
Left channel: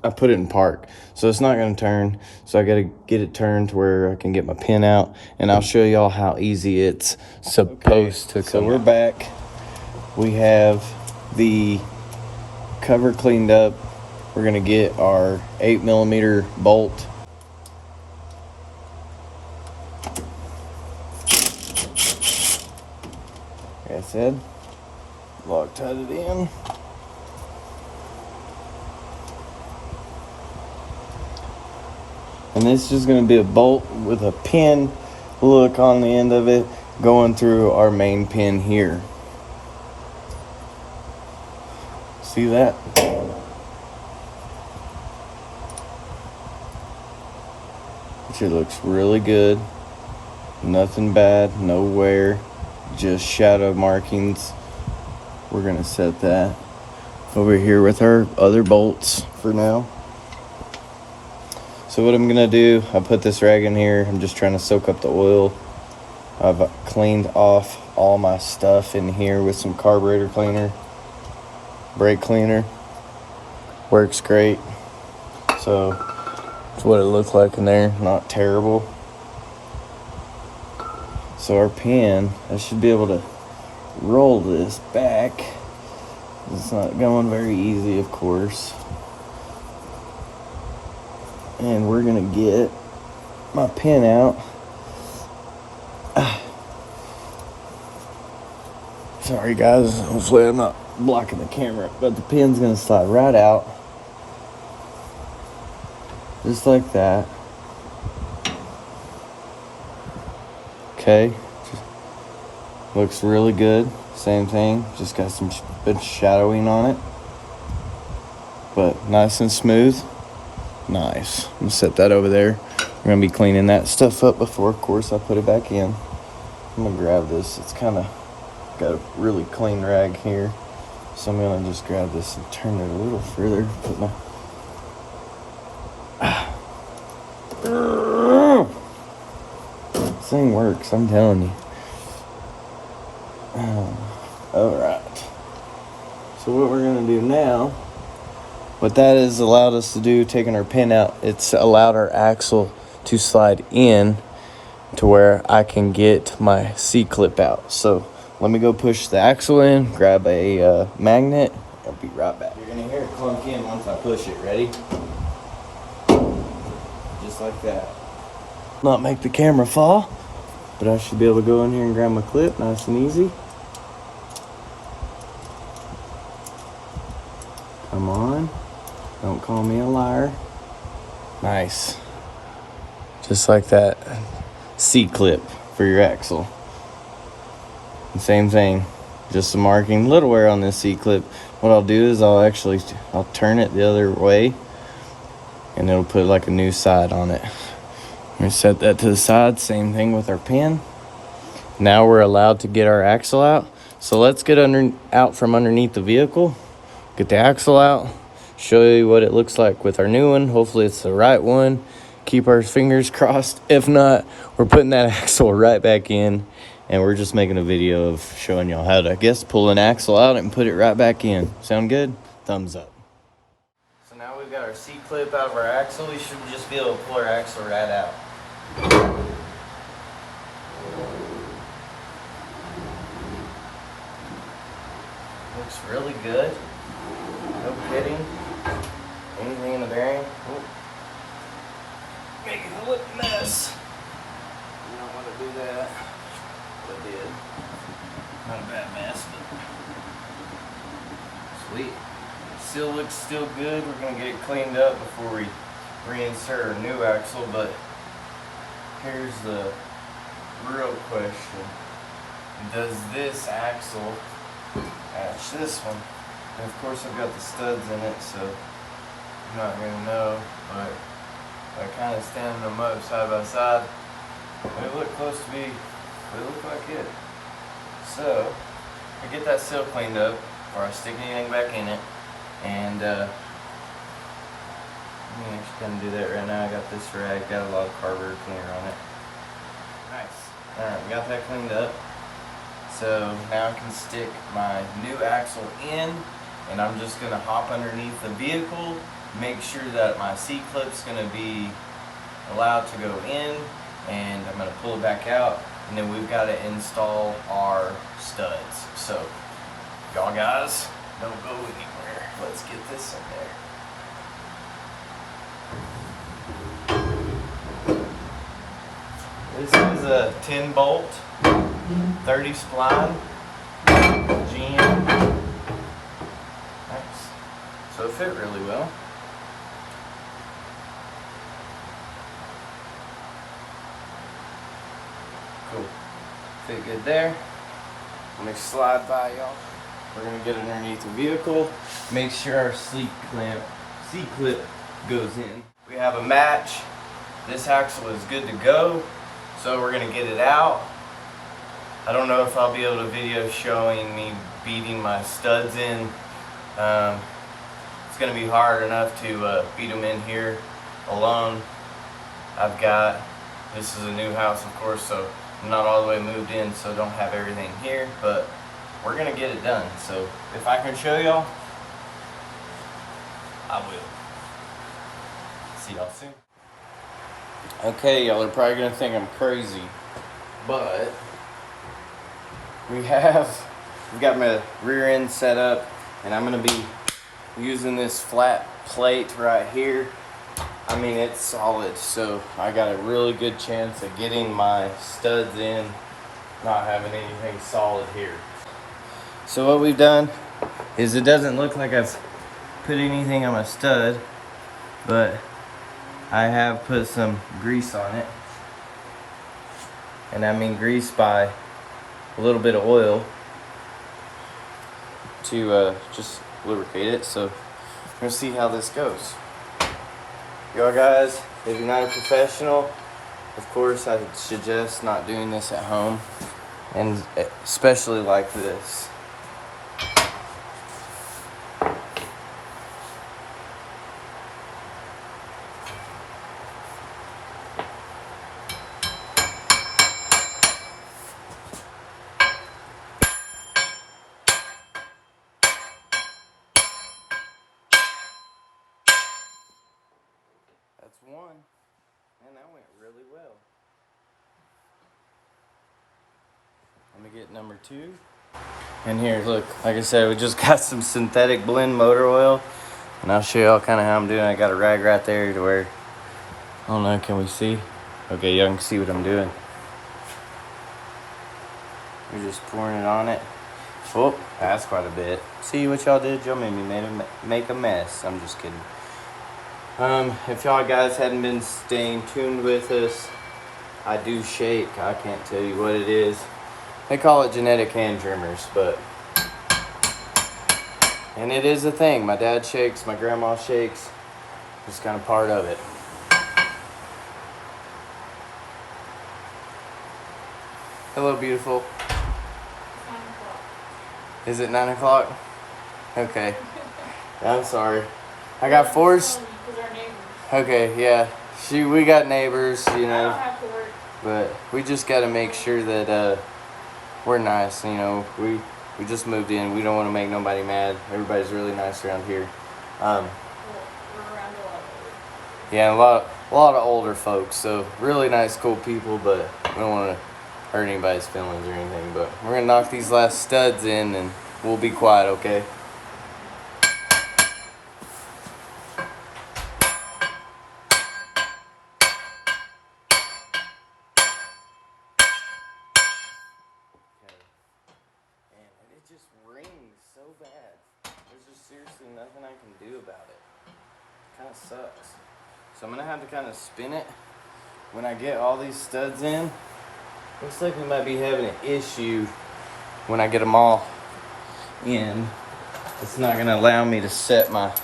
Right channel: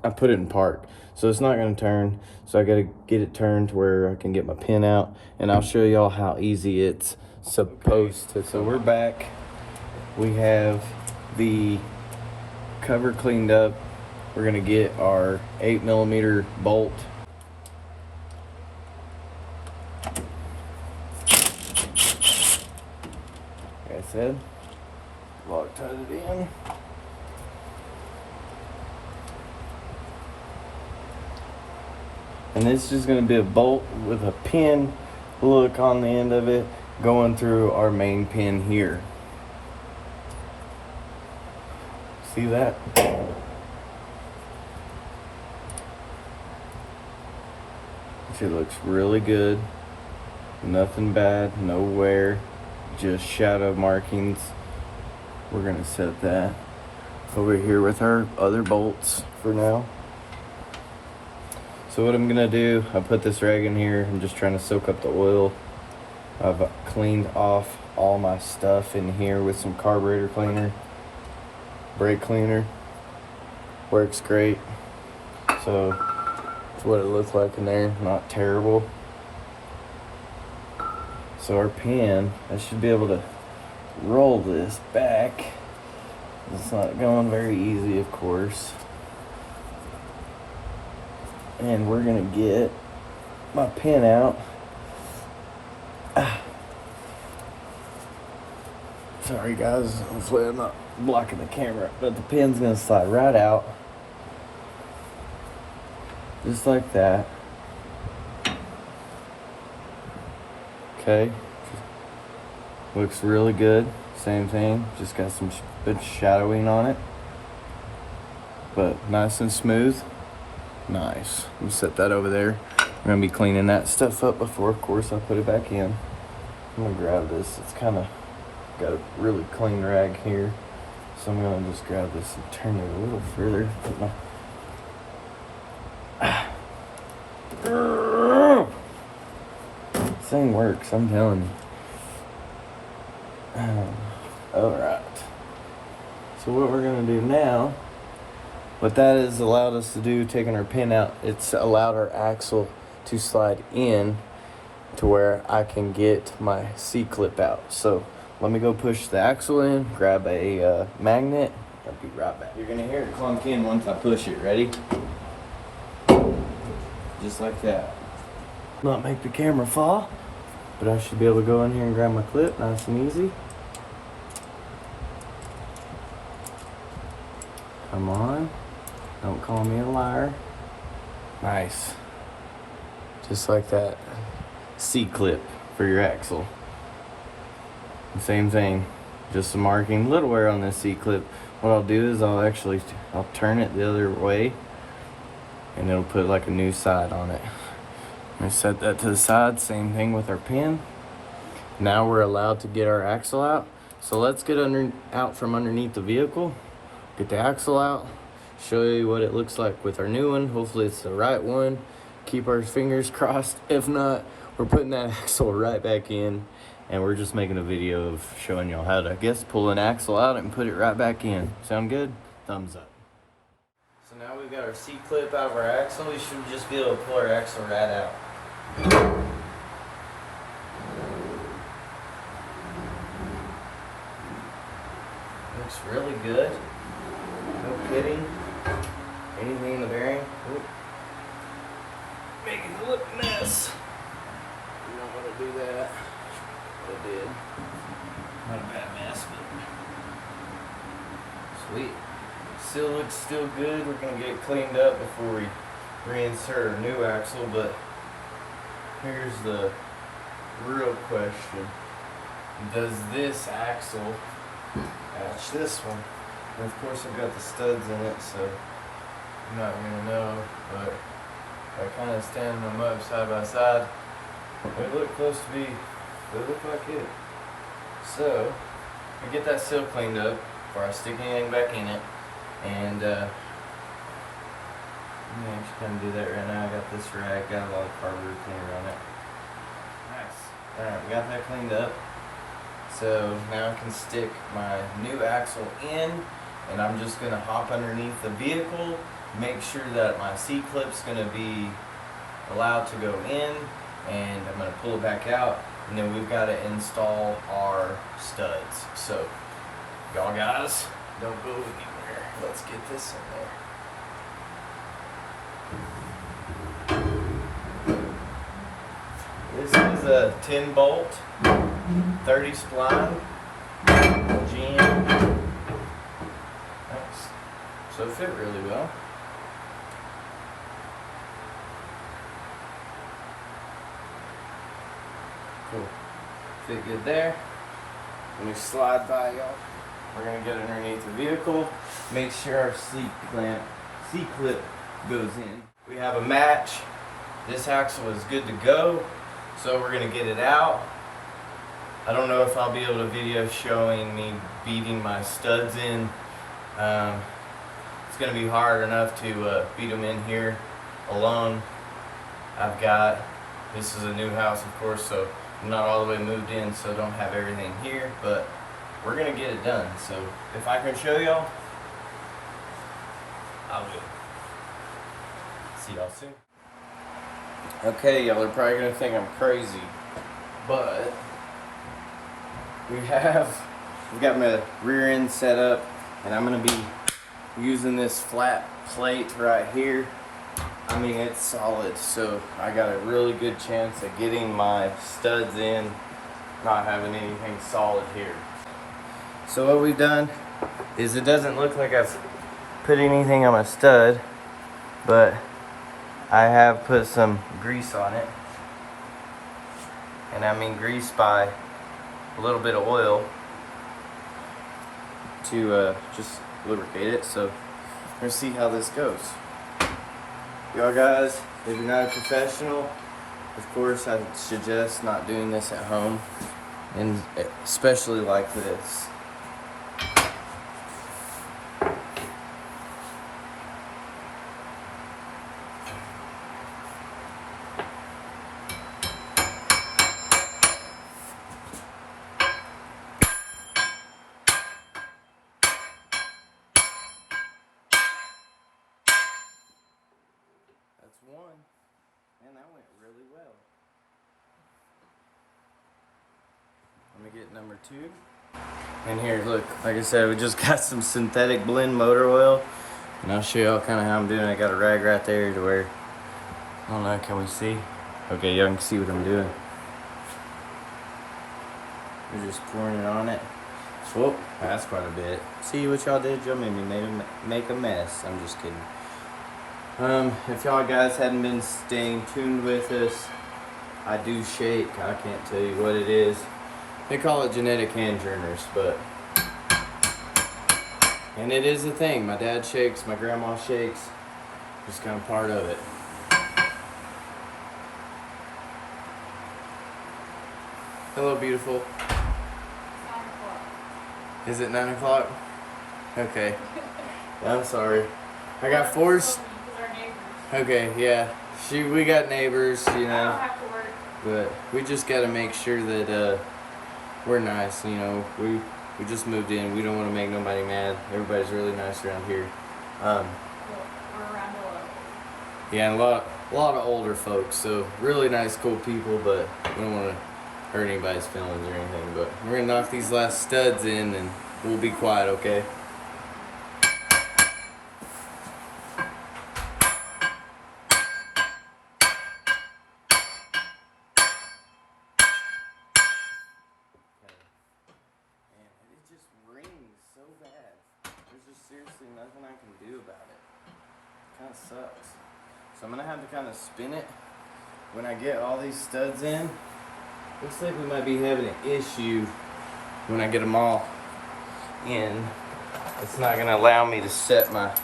I put it in park, so it's not gonna turn. So I gotta get it turned to where I can get my pin out, and I'll show y'all how easy it's supposed to come. So we're back. We have the cover cleaned up. We're gonna get our 8mm bolt. Like I said, Loctite it in. And this is just gonna be a bolt with a pin look on the end of it going through our main pin here. See that? Which it looks really good. Nothing bad, no wear, just shadow markings. We're gonna set that over here with our other bolts for now. So what I'm gonna do, I put this rag in here. I'm just trying to soak up the oil. I've cleaned off all my stuff in here with some carburetor cleaner, brake cleaner. Works great. So that's what it looks like in there, not terrible. So our pin, I should be able to roll this back. It's not going very easy, of course. And we're gonna get my pin out. Sorry guys, hopefully I'm not blocking the camera, but the pin's gonna slide right out. Just like that. Okay. Looks really good. Same thing, just got some good shadowing on it. But nice and smooth. Nice. I'm gonna set that over there. We're gonna be cleaning that stuff up before, of course, I put it back in. I'm gonna grab this. It's kind of got a really clean rag here. So I'm gonna just grab this and turn it a little further. Put my this thing works, I'm telling you. Alright. So what we're gonna do now, what that has allowed us to do, taking our pin out, it's allowed our axle to slide in to where I can get my C-clip out. So let me go push the axle in, grab a magnet. I'll be right back. You're gonna hear it clunk in once I push it. Ready? Just like that. Not make the camera fall, but I should be able to go in here and grab my clip nice and easy. Come on. Don't call me a liar. Nice. Just like that. C-clip for your axle. And same thing. Just some marking. Little wear on this C-clip. What I'll do is I'll turn it the other way and it'll put like a new side on it. We set that to the side. Same thing with our pin. Now we're allowed to get our axle out. So let's get out from underneath the vehicle. Get the axle out. Show you what it looks like with our new one. Hopefully it's the right one. Keep our fingers crossed. If not, we're putting that axle right back in. And we're just making a video of showing y'all how to, I guess, pull an axle out and put it right back in. Sound good? Thumbs up. So now we've got our C-clip out of our axle. We should just be able to pull our axle right out. Looks really good. No pitting. Anything in the bearing. Ooh. Making a little mess. You don't want to do that. But I did. Not a bad mess, but sweet. Still looks still good. We're gonna get it cleaned up before we reinsert our new axle, but here's the real question. Does this axle match this one? And of course I've got the studs in it, so I'm not gonna know, but by kind of standing them up side by side, they look close to be, they look like it. So I get that seal cleaned up before I stick anything back in it, and let me actually kind of do that right now. I got this rag, got a lot of carburetor cleaner on it. Nice. Alright, we got that cleaned up. So now I can stick my new axle in, and I'm just gonna hop underneath the vehicle, make sure that my C-clip's gonna be allowed to go in, and I'm gonna pull it back out, and then we've got to install our studs. So y'all guys, don't go anywhere. Let's get this in there. This is a 10 bolt, 30 spline, GM. Nice. So it fit really well. Cool. Fit good there. Let me slide by y'all. We're gonna get underneath the vehicle, make sure our C-clip goes in. We have a match. This axle is good to go, so we're gonna get it out. I don't know if I'll be able to video showing me beating my studs in. It's gonna be hard enough to beat them in here alone. This is a new house, of course, so I'm not all the way moved in, so don't have everything here, but we're gonna get it done. So if I can show y'all, I will. See y'all soon. Okay, y'all are probably gonna think I'm crazy, but we've got my rear end set up, and I'm gonna be using this flat plate right here. I mean, it's solid, so I got a really good chance of getting my studs in, not having anything solid here. So what we've done is, it doesn't look like I've put anything on my stud, but I have put some grease on it. And I mean grease by a little bit of oil to just lubricate it. So we're gonna see how this goes. Y'all guys, if you're not a professional, of course I would suggest not doing this at home, and especially like this. That's one. Man, that went really well. Let me get number two. And here, look, like I said, we just got some synthetic blend motor oil. And I'll show y'all kind of how I'm doing. I got a rag right there to where, I don't know, can we see? Okay, y'all can see what I'm doing. We're just pouring it on it. Oh, that's quite a bit. See what y'all did? Y'all made me make a mess. I'm just kidding. If y'all guys hadn't been staying tuned with us, I do shake. I can't tell you what it is. They call it genetic hand tremors, and it is a thing. My dad shakes, my grandma shakes. It's kind of part of it. Hello, beautiful. Is it 9 o'clock? Okay. I'm sorry. I got forced. Okay, yeah. We got neighbors, you know. But we just got to make sure that we're nice, you know. We just moved in. We don't want to make nobody mad. Everybody's really nice around here. Yeah, a lot of older folks. So really nice, cool people. But we don't want to hurt anybody's feelings or anything. But we're gonna knock these last studs in, and we'll be quiet, okay? Just rings so bad. There's just seriously nothing I can do about it. Kind of sucks. So I'm gonna have to kind of spin it when I get all these studs in. Looks like we might be having an issue when I get them all in. It's not gonna allow me to set my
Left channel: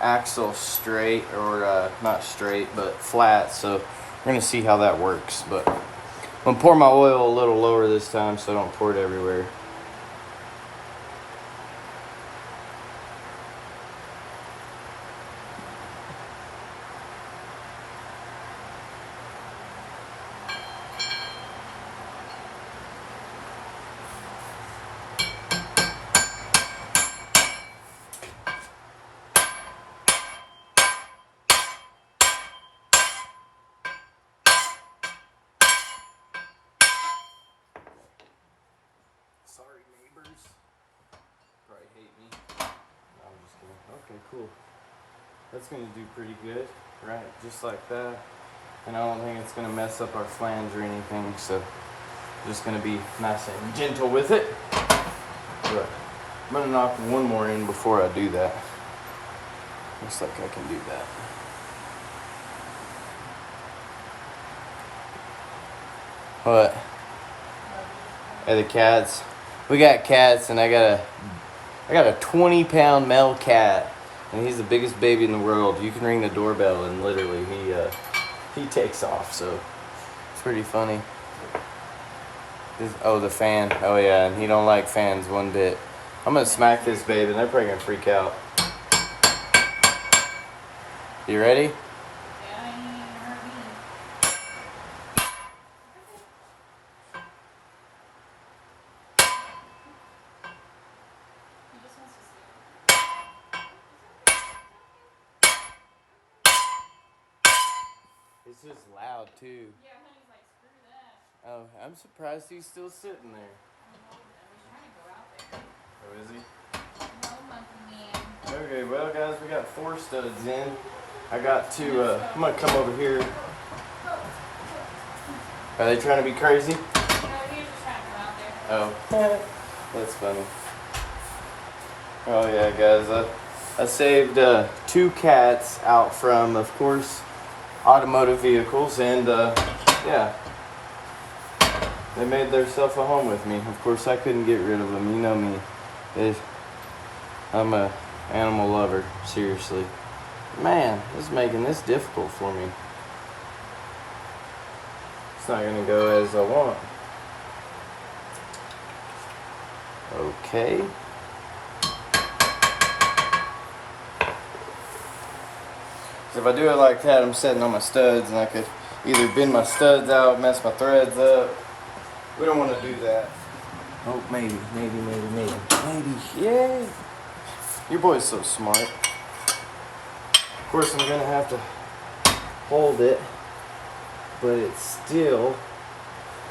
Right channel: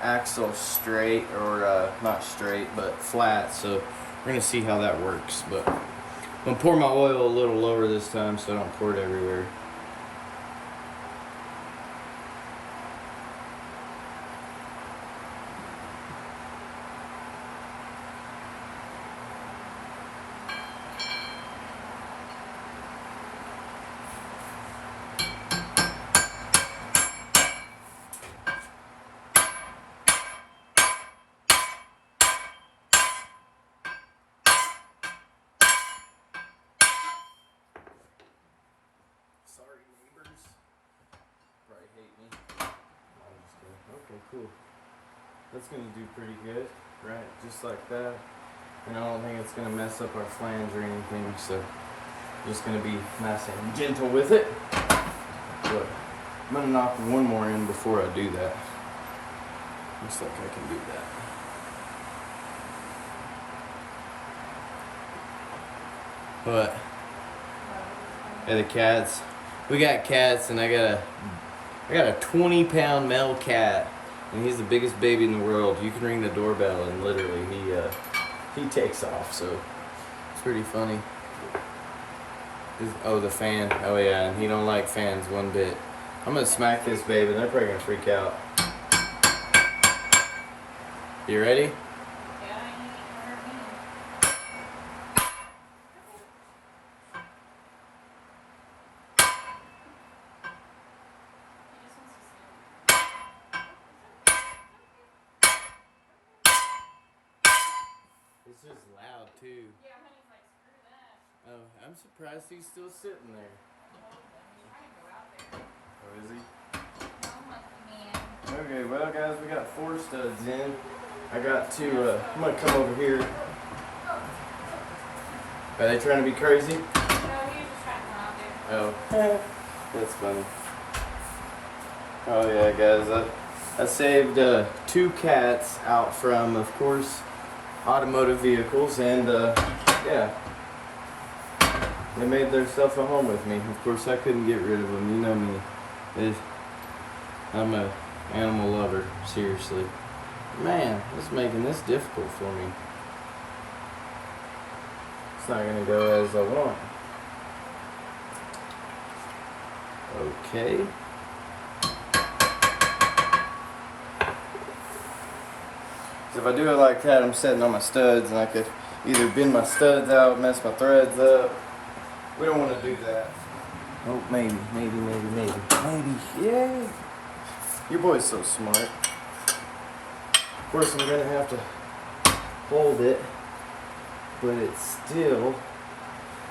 axle straight, or not straight, but flat. So we're gonna see how that works. But I'm gonna pour my oil a little lower this time so I don't pour it everywhere. Sorry, neighbors. Probably hate me. No, I'm just kidding. Okay, cool. That's gonna do pretty good, right? Just like that. And I don't think it's gonna mess up our flange or anything, so I'm just gonna be nice and gentle with it. But I'm gonna knock one more in before I do that. Looks like I can do that. What? Hey, the cats. We got cats, and I gotta I got a 20-pound male cat, and he's the biggest baby in the world. You can ring the doorbell, and literally he takes off. So it's pretty funny. Oh, the fan. Oh yeah, and he don't like fans one bit. I'm gonna smack this baby, and they're probably gonna freak out. You ready? This is loud too. Yeah, I'm like, screw that. Oh, I'm surprised he's still sitting there. Oh, is he? Okay, well guys, we got 4 studs in. I got to, I'm gonna come over here. Are they trying to be crazy? Oh, that's funny. Oh yeah, guys, I saved 2 cats out from, of course, automotive vehicles, and yeah, they made themselves a home with me. Of course, I couldn't get rid of them. You know me. I'm a animal lover, seriously. Man, this is making this difficult for me. It's not gonna go as I want. Okay. If I do it like that, I'm setting on my studs, and I could either bend my studs out, mess my threads up. We don't want to do that. Oh, maybe. Yay! Your boy's so smart. Of course, I'm gonna have to hold it, but it's still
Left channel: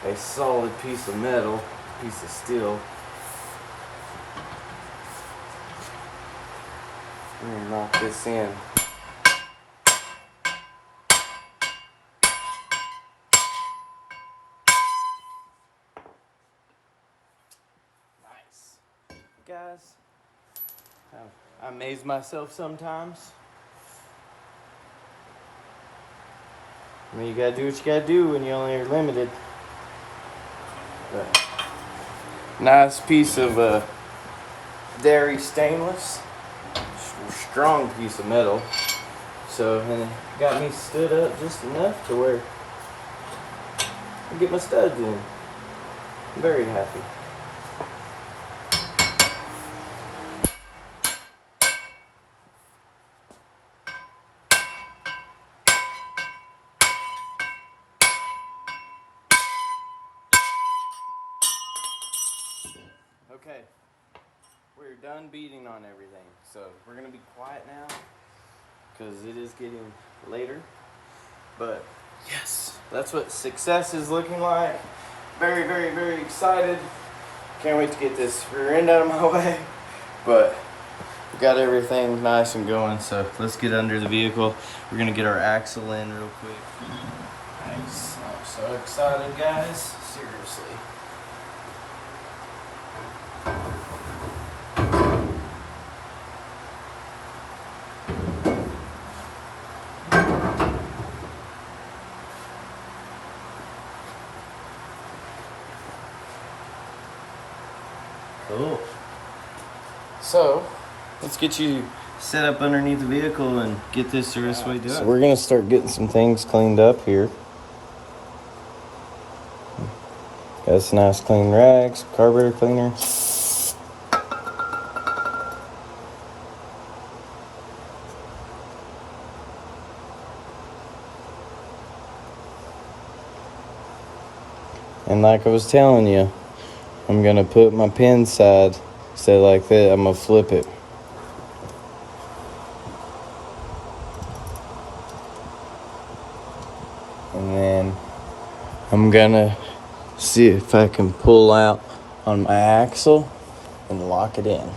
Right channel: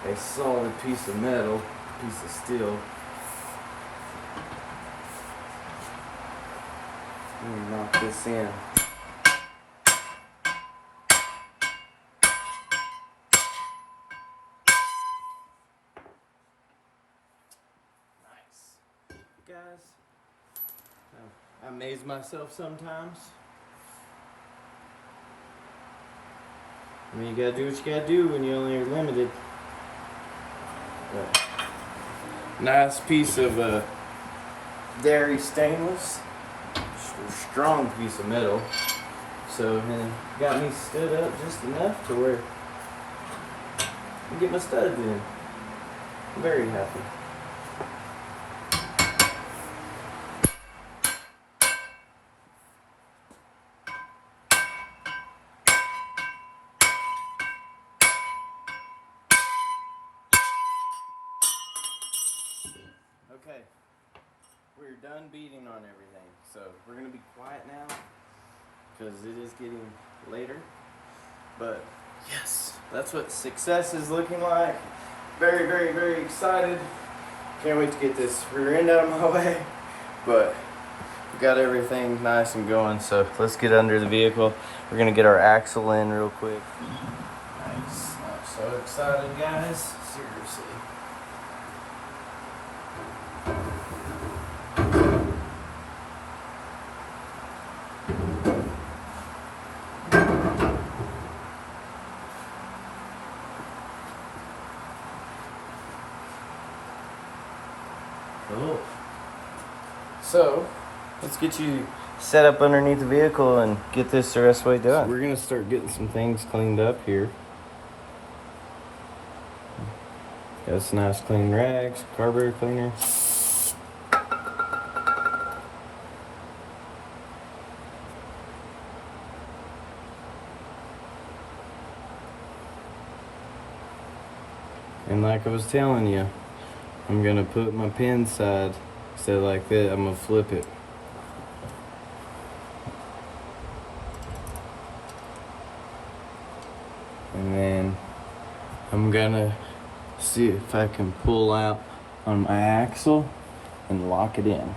a solid piece of metal, piece of steel. Let me knock this in. Guys, I amaze myself sometimes. I mean, you gotta do what you gotta do when you only are limited. But nice piece of dairy stainless, strong piece of metal. So, and it got me stood up just enough to where I can get my studs in. I'm very happy. Okay, we're done beating on everything, so we're gonna be quiet now because it is getting later. But yes, that's what success is looking like. Very, very, very excited. Can't wait to get this rear end out of my way. But we got everything nice and going, so let's get under the vehicle. We're gonna get our axle in real quick. Nice. I'm so excited, guys. Seriously. Cool. So, let's get you set up underneath the vehicle and get this the rest of the way done. So we're gonna start getting some things cleaned up here. Got some nice clean rags, carburetor cleaner. And like I was telling you, I'm gonna put my pin side, say like that, I'm gonna flip it. And then I'm gonna see if I can pull out on my axle and lock it in.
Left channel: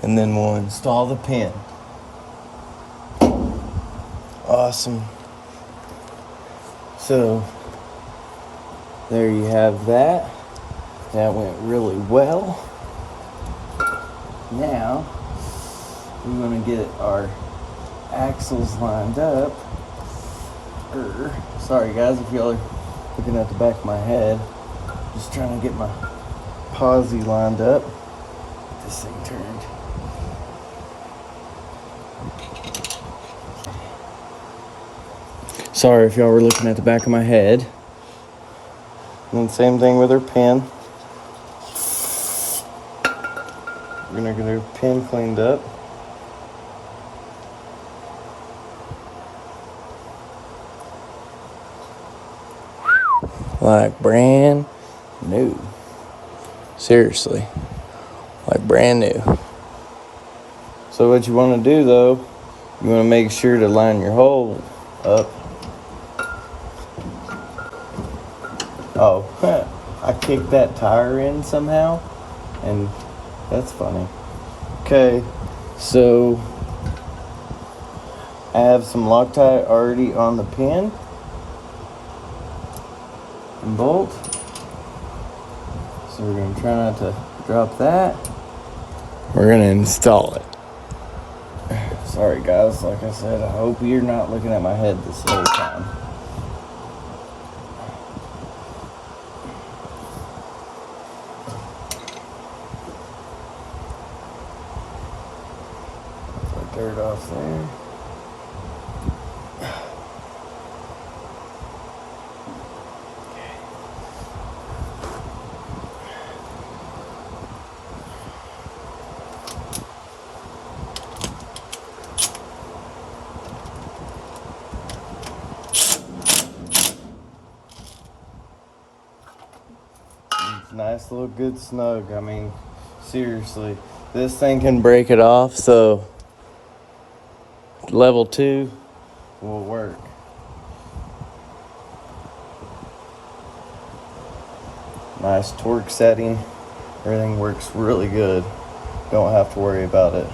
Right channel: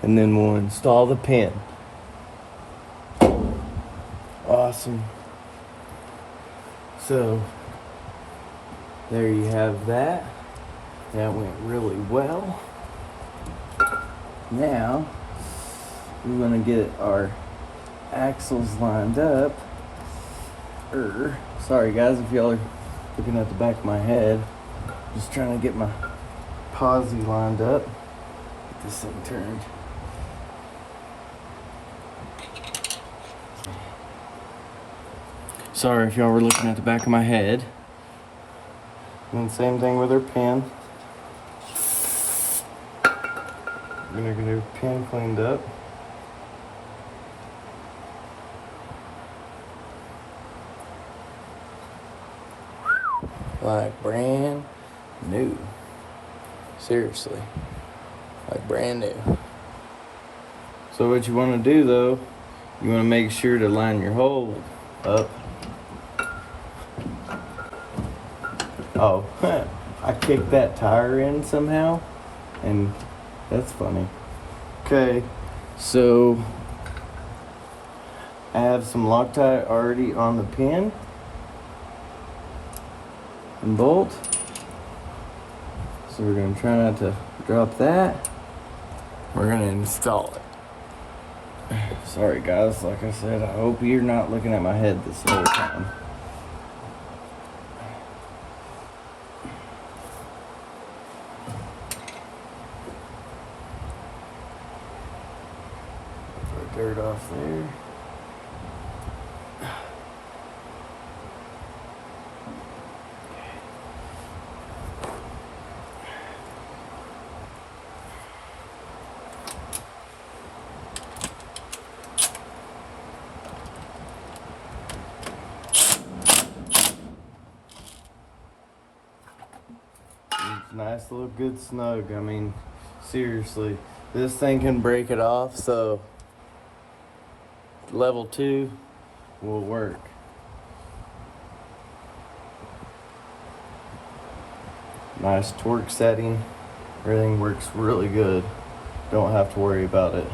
And then we'll install the pin. Awesome. So, there you have that. That went really well. Now, we're gonna get our axles lined up. Sorry guys if y'all are looking at the back of my head. Just trying to get my posi lined up. Get this thing turned. Sorry if y'all were looking at the back of my head. And same thing with her pin. We're gonna get her pin cleaned up. Like brand new. Seriously. Like brand new. So what you want to do though, you want to make sure to line your hole up. Oh, I kicked that tire in somehow, and that's funny. Okay, so I have some Loctite already on the pin and bolt. So we're going to try not to drop that. We're going to install it. Sorry guys, like I said, I hope you're not looking at my head this whole time. Take dirt off there. Nice little good snug. I mean, seriously, this thing can break it off, so level 2 will work. Nice torque setting. Everything works really good. Don't have to worry about it.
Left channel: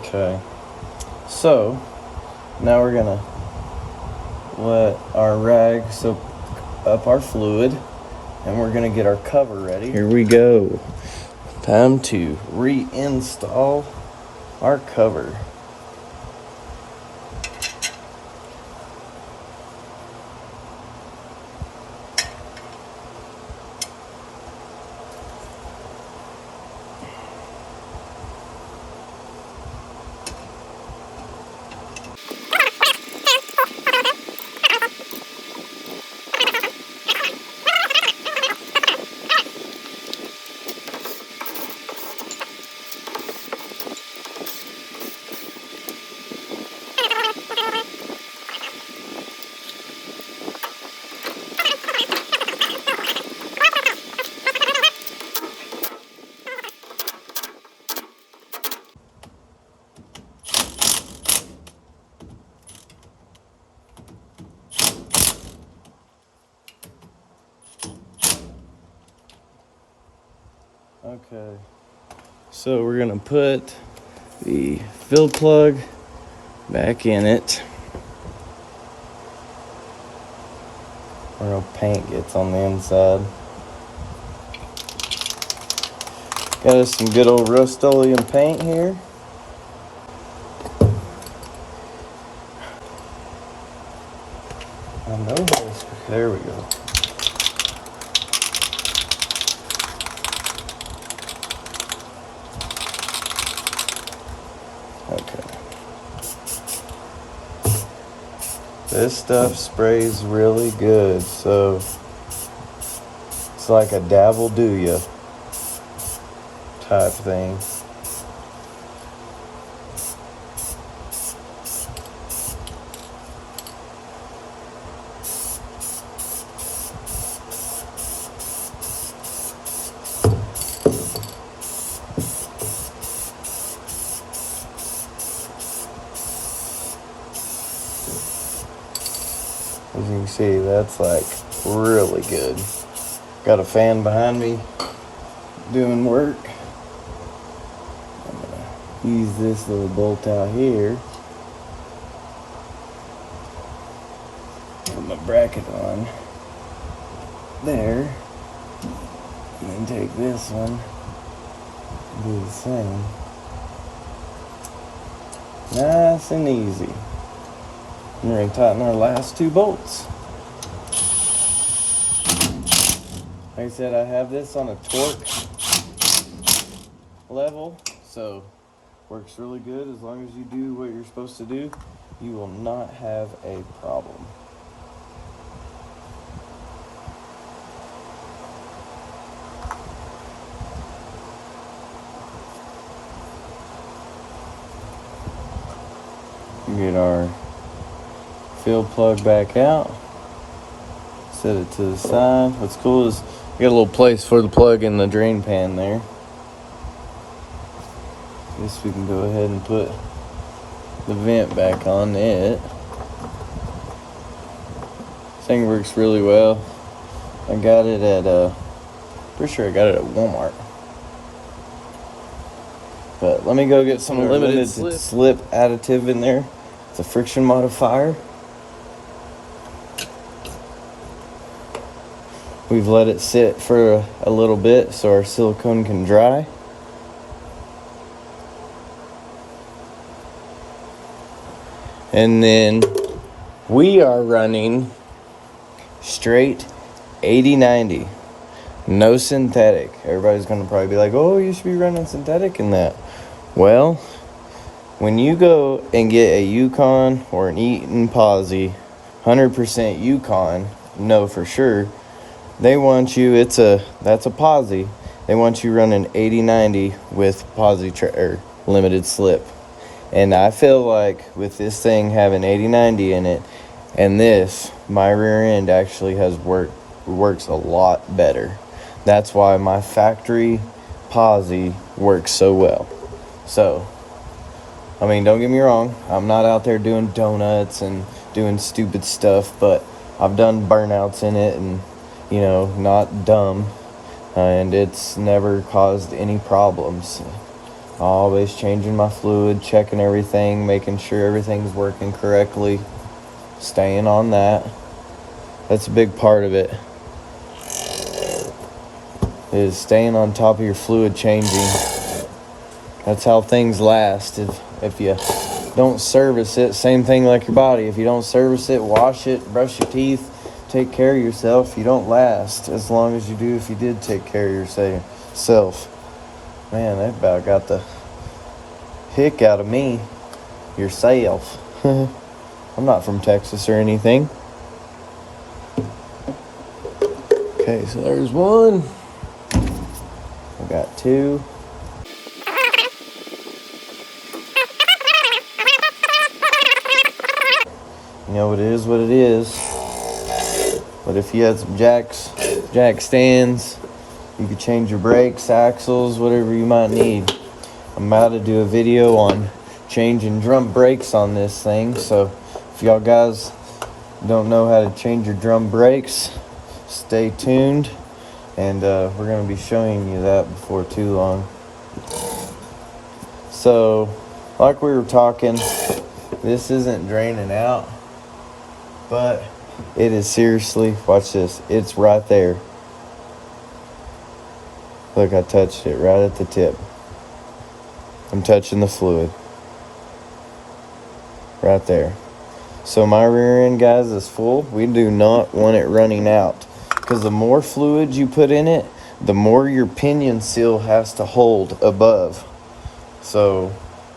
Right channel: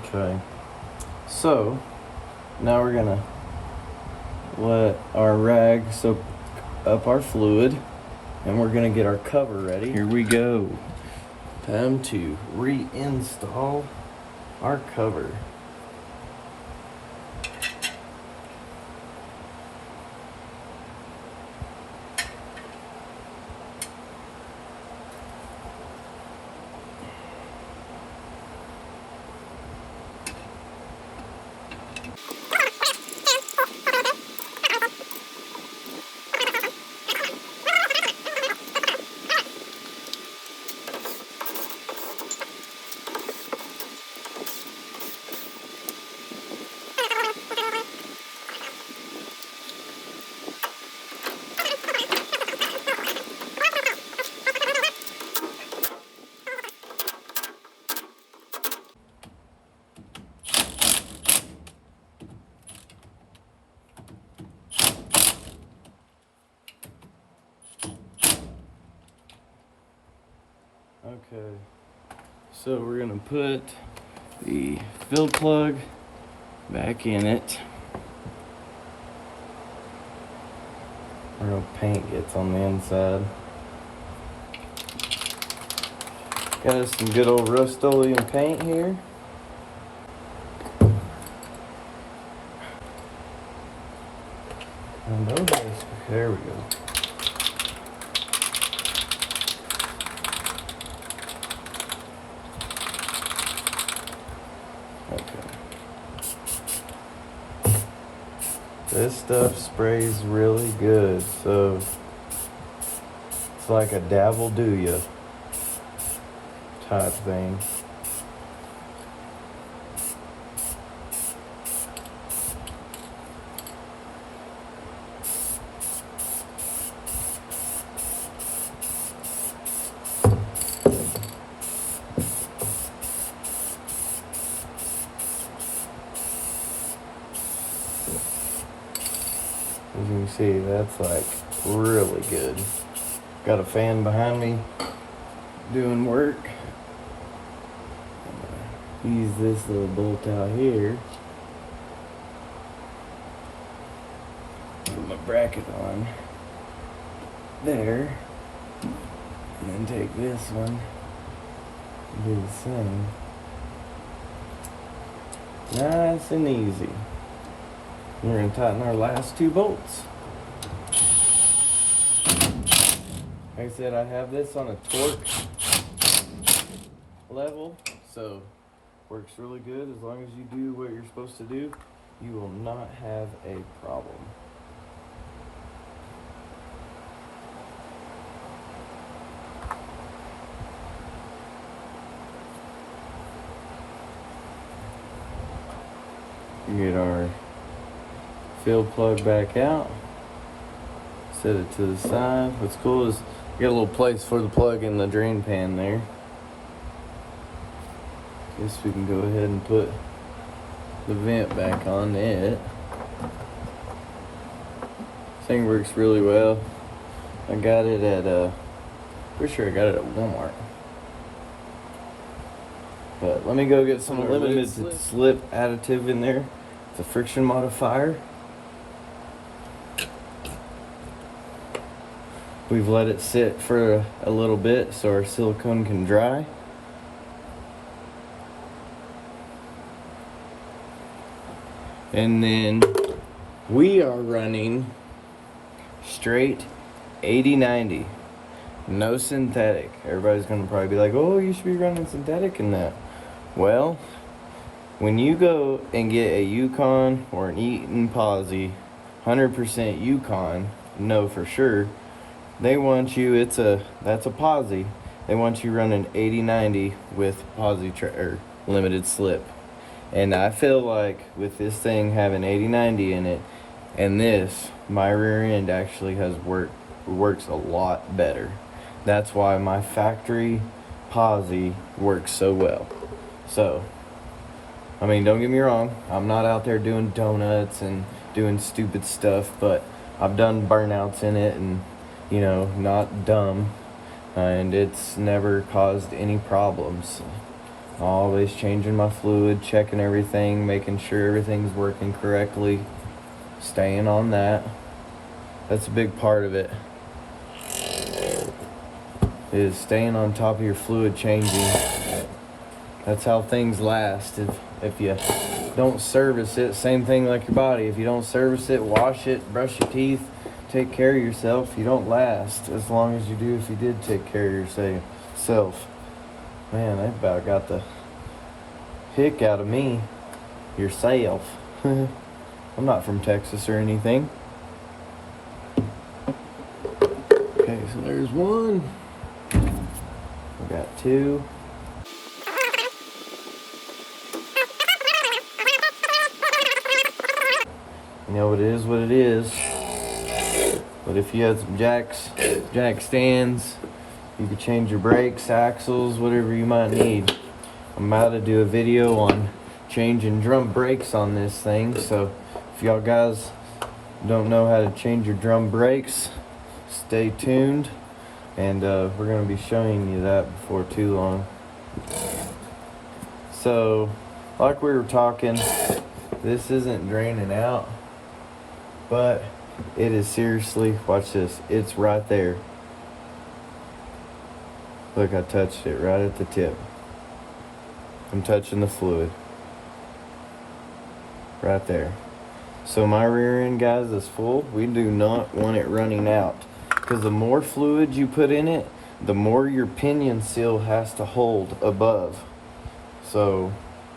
Okay. So, now we're gonna let our rag soak up our fluid, and we're gonna get our cover ready. Here we go. Time to reinstall our cover. Okay, so we're gonna put the fill plug back in it. I don't know if paint gets on the inside. Got us some good old Rust-Oleum paint here. I know this. There we go. Okay. This stuff sprays really good, so it's like a dabble do ya type thing. As you can see, that's like really good. Got a fan behind me doing work. I'm gonna use this little bolt out here. Put my bracket on there. And then take this one and do the same. Nice and easy. And we're going to tighten our last 2 bolts. Like I said, I have this on a torque level, so works really good. As long as you do what you're supposed to do, you will not have a problem. Get our field plug back out, set it to the side. What's cool is we got a little place for the plug in the drain pan there. Guess we can go ahead and put the vent back on it. This thing works really well. I got it at pretty sure I got it at Walmart. But let me go get some limited slip additive in there. It's a friction modifier. We've let it sit for a little bit so our silicone can dry. And then we are running straight 80/90. No synthetic. Everybody's going to probably be like, oh, you should be running synthetic in that. Well, when you go and get a Yukon or an Eaton Posi, 100% Yukon, know for sure, they want you, that's a Posi. They want you running 80/90 with Posi or limited slip. And I feel like with this thing having 80/90 in it, and this, my rear end actually works a lot better. That's why my factory Posi works so well. So, I mean, don't get me wrong, I'm not out there doing donuts and doing stupid stuff, but I've done burnouts in it and, you know, not dumb, and it's never caused any problems. Always changing my fluid, checking everything, making sure everything's working correctly, staying on that. That's a big part of it, is staying on top of your fluid changing. That's how things last. If you don't service it, same thing like your body. If you don't service it, wash it, brush your teeth, take care of yourself, you don't last as long as you do if you did take care of yourself. Man, that about got the hick out of me. Yourself. I'm not from Texas or anything. Okay, so there's one. I got two. You know, it is what it is. But if you had some jack stands, you could change your brakes, axles, whatever you might need. I'm about to do a video on changing drum brakes on this thing. So if y'all guys don't know how to change your drum brakes, stay tuned. And we're going to be showing you that before too long. So, like we were talking, this isn't draining out, but it is seriously, watch this, it's right there. Look, I touched it right at the tip. I'm touching the fluid. Right there. So my rear end, guys, is full. We do not want it running out, because the more fluid you put in it, the more your pinion seal has to hold above. So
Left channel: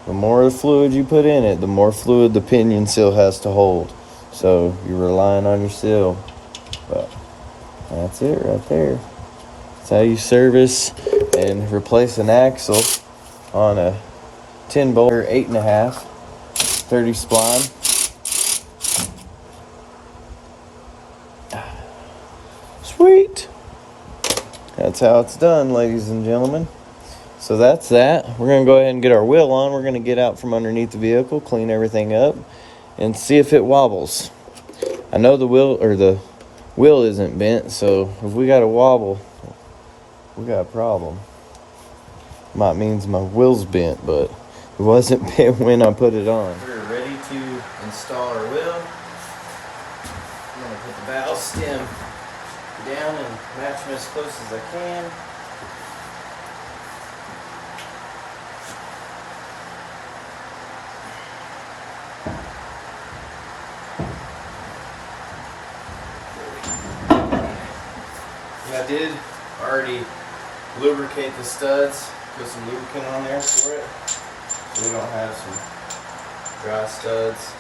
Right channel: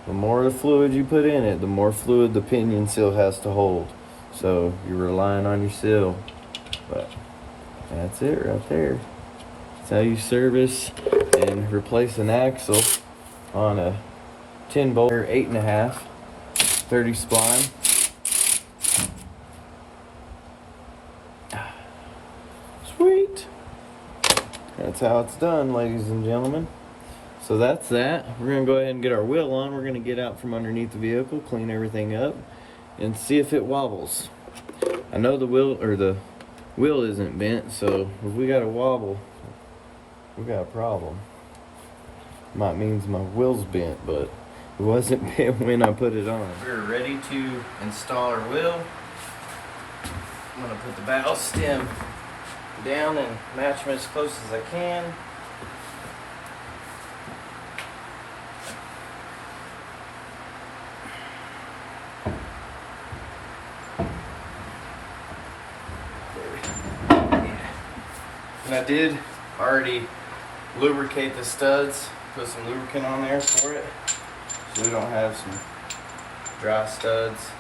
the more fluid you put in it, the more fluid the pinion seal has to hold. So you're relying on your seal. But that's it right there. That's how you service and replace an axle on a 10 bolt or 8.5 30 spline. Sweet. That's how it's done, ladies and gentlemen. So that's that. We're going to go ahead and get our wheel on. We're going to get out from underneath the vehicle, clean everything up, and see if it wobbles. I know the wheel isn't bent, so if we got a wobble, we got a problem. Might means my wheel's bent, but it wasn't bent when I put it on. We're ready to install our wheel. I'm going to put the valve stem down and match them as close as I can. And I did already lubricate the studs, put some lubricant on there for it so we don't have some dry studs.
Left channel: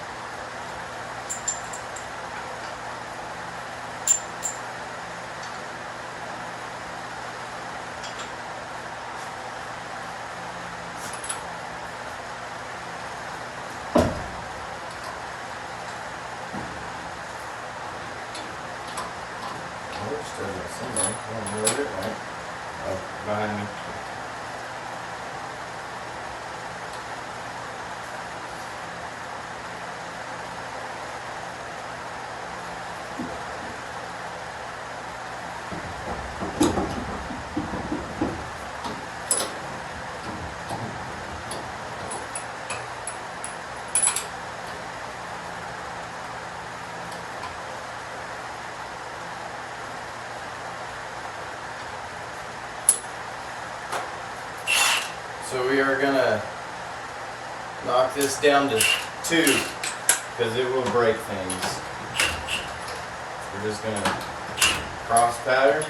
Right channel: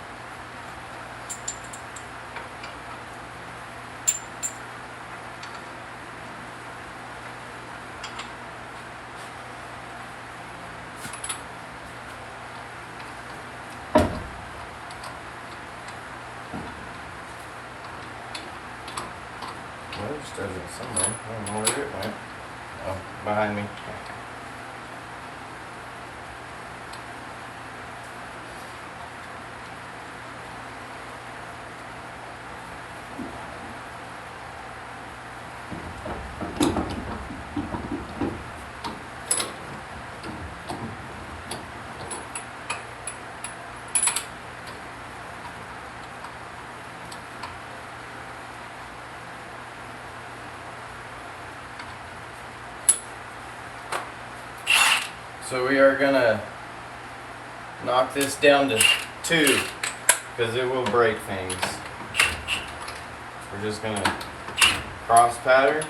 Well, there's studs in somewhere. I don't know where it went. Oh, behind me. So we are gonna knock this down to 2 because it will break things. We're just gonna cross pattern.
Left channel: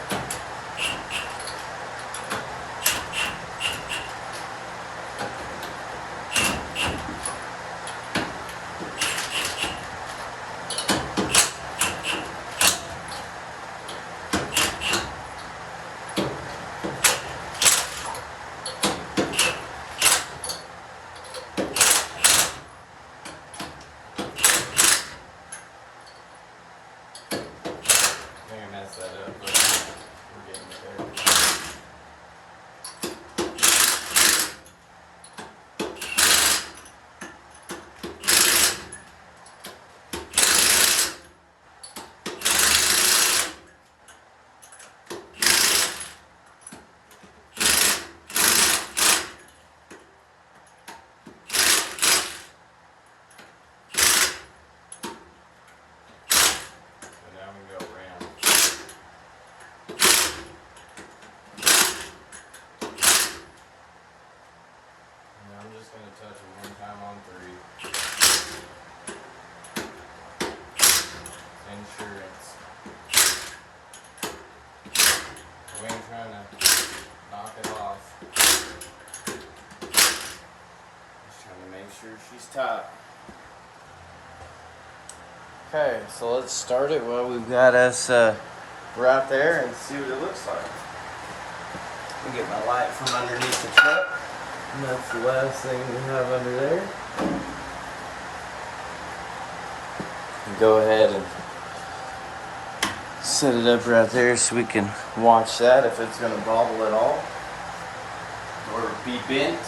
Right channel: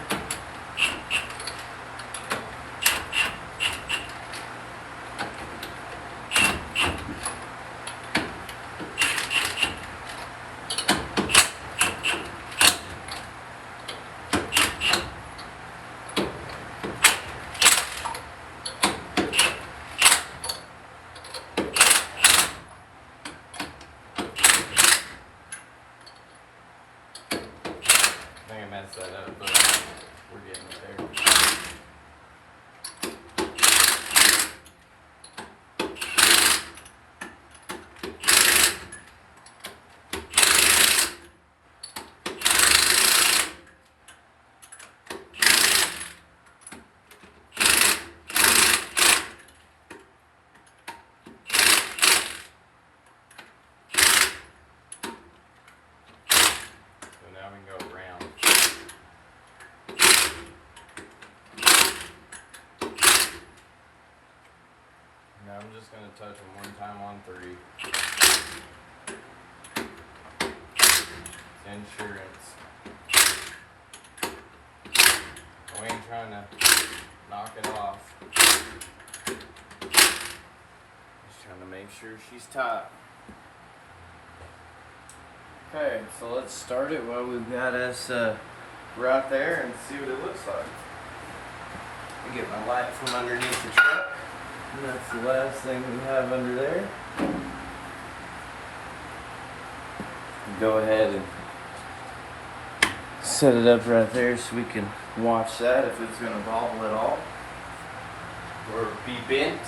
I think I messed that up, but we're getting it there. So now we can go around. And I'm just going to touch them one time on 3. It's insurance. We ain't trying to knock it off. Just trying to make sure she's tight. Okay, so let's start it while we've got us right there and see what it looks like. I'll get my light from underneath the truck. And that's the last thing we have under there. Go ahead and set it up right there so we can watch that if it's going to bobble at all or be bent.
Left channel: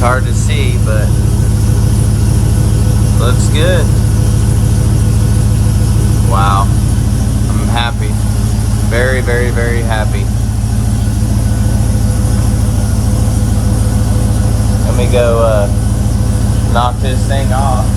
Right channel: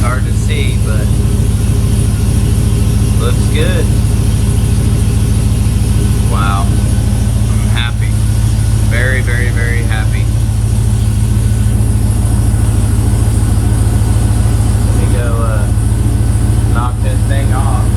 Hard to see, but looks good. Wow, I'm happy. Very, very, very happy. Let me go knock this thing off.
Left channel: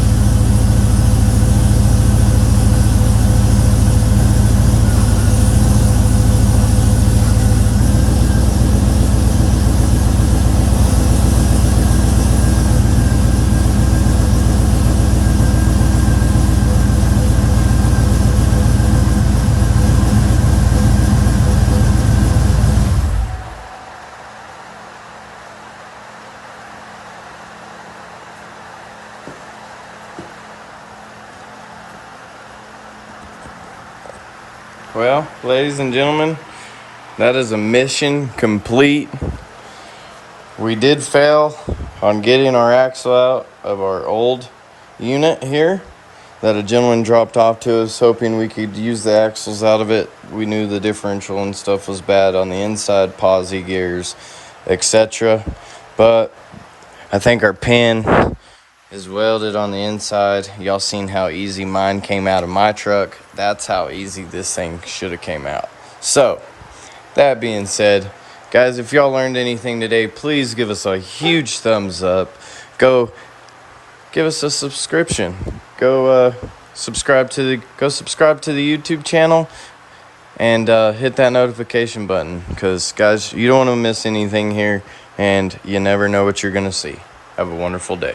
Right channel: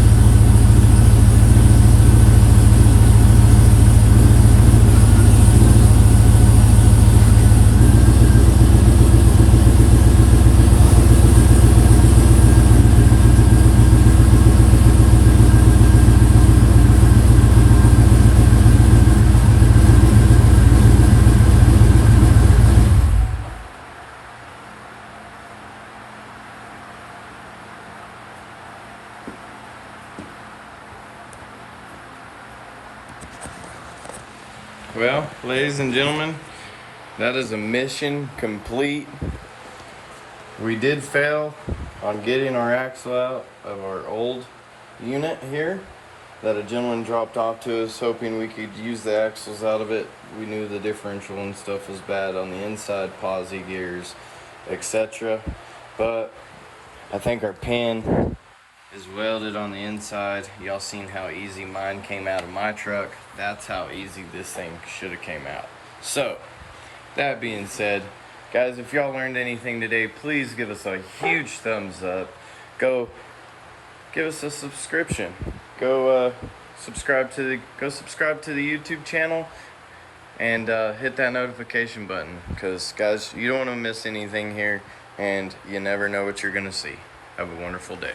Well, ladies and gentlemen, that is a mission complete. We did fail on getting our axle out of our old unit here that a gentleman dropped off to us, hoping we could use the axles out of it. We knew the differential and stuff was bad on the inside, posi gears, etc. But I think our pin is welded on the inside. Y'all seen how easy mine came out of my truck. That's how easy this thing should have came out. So, that being said, guys, if y'all learned anything today, please give us a huge thumbs up. Go give us a subscription. Go subscribe to the YouTube channel and hit that notification button, because guys, you don't want to miss anything here, and you never know what you're gonna see. Have a wonderful day.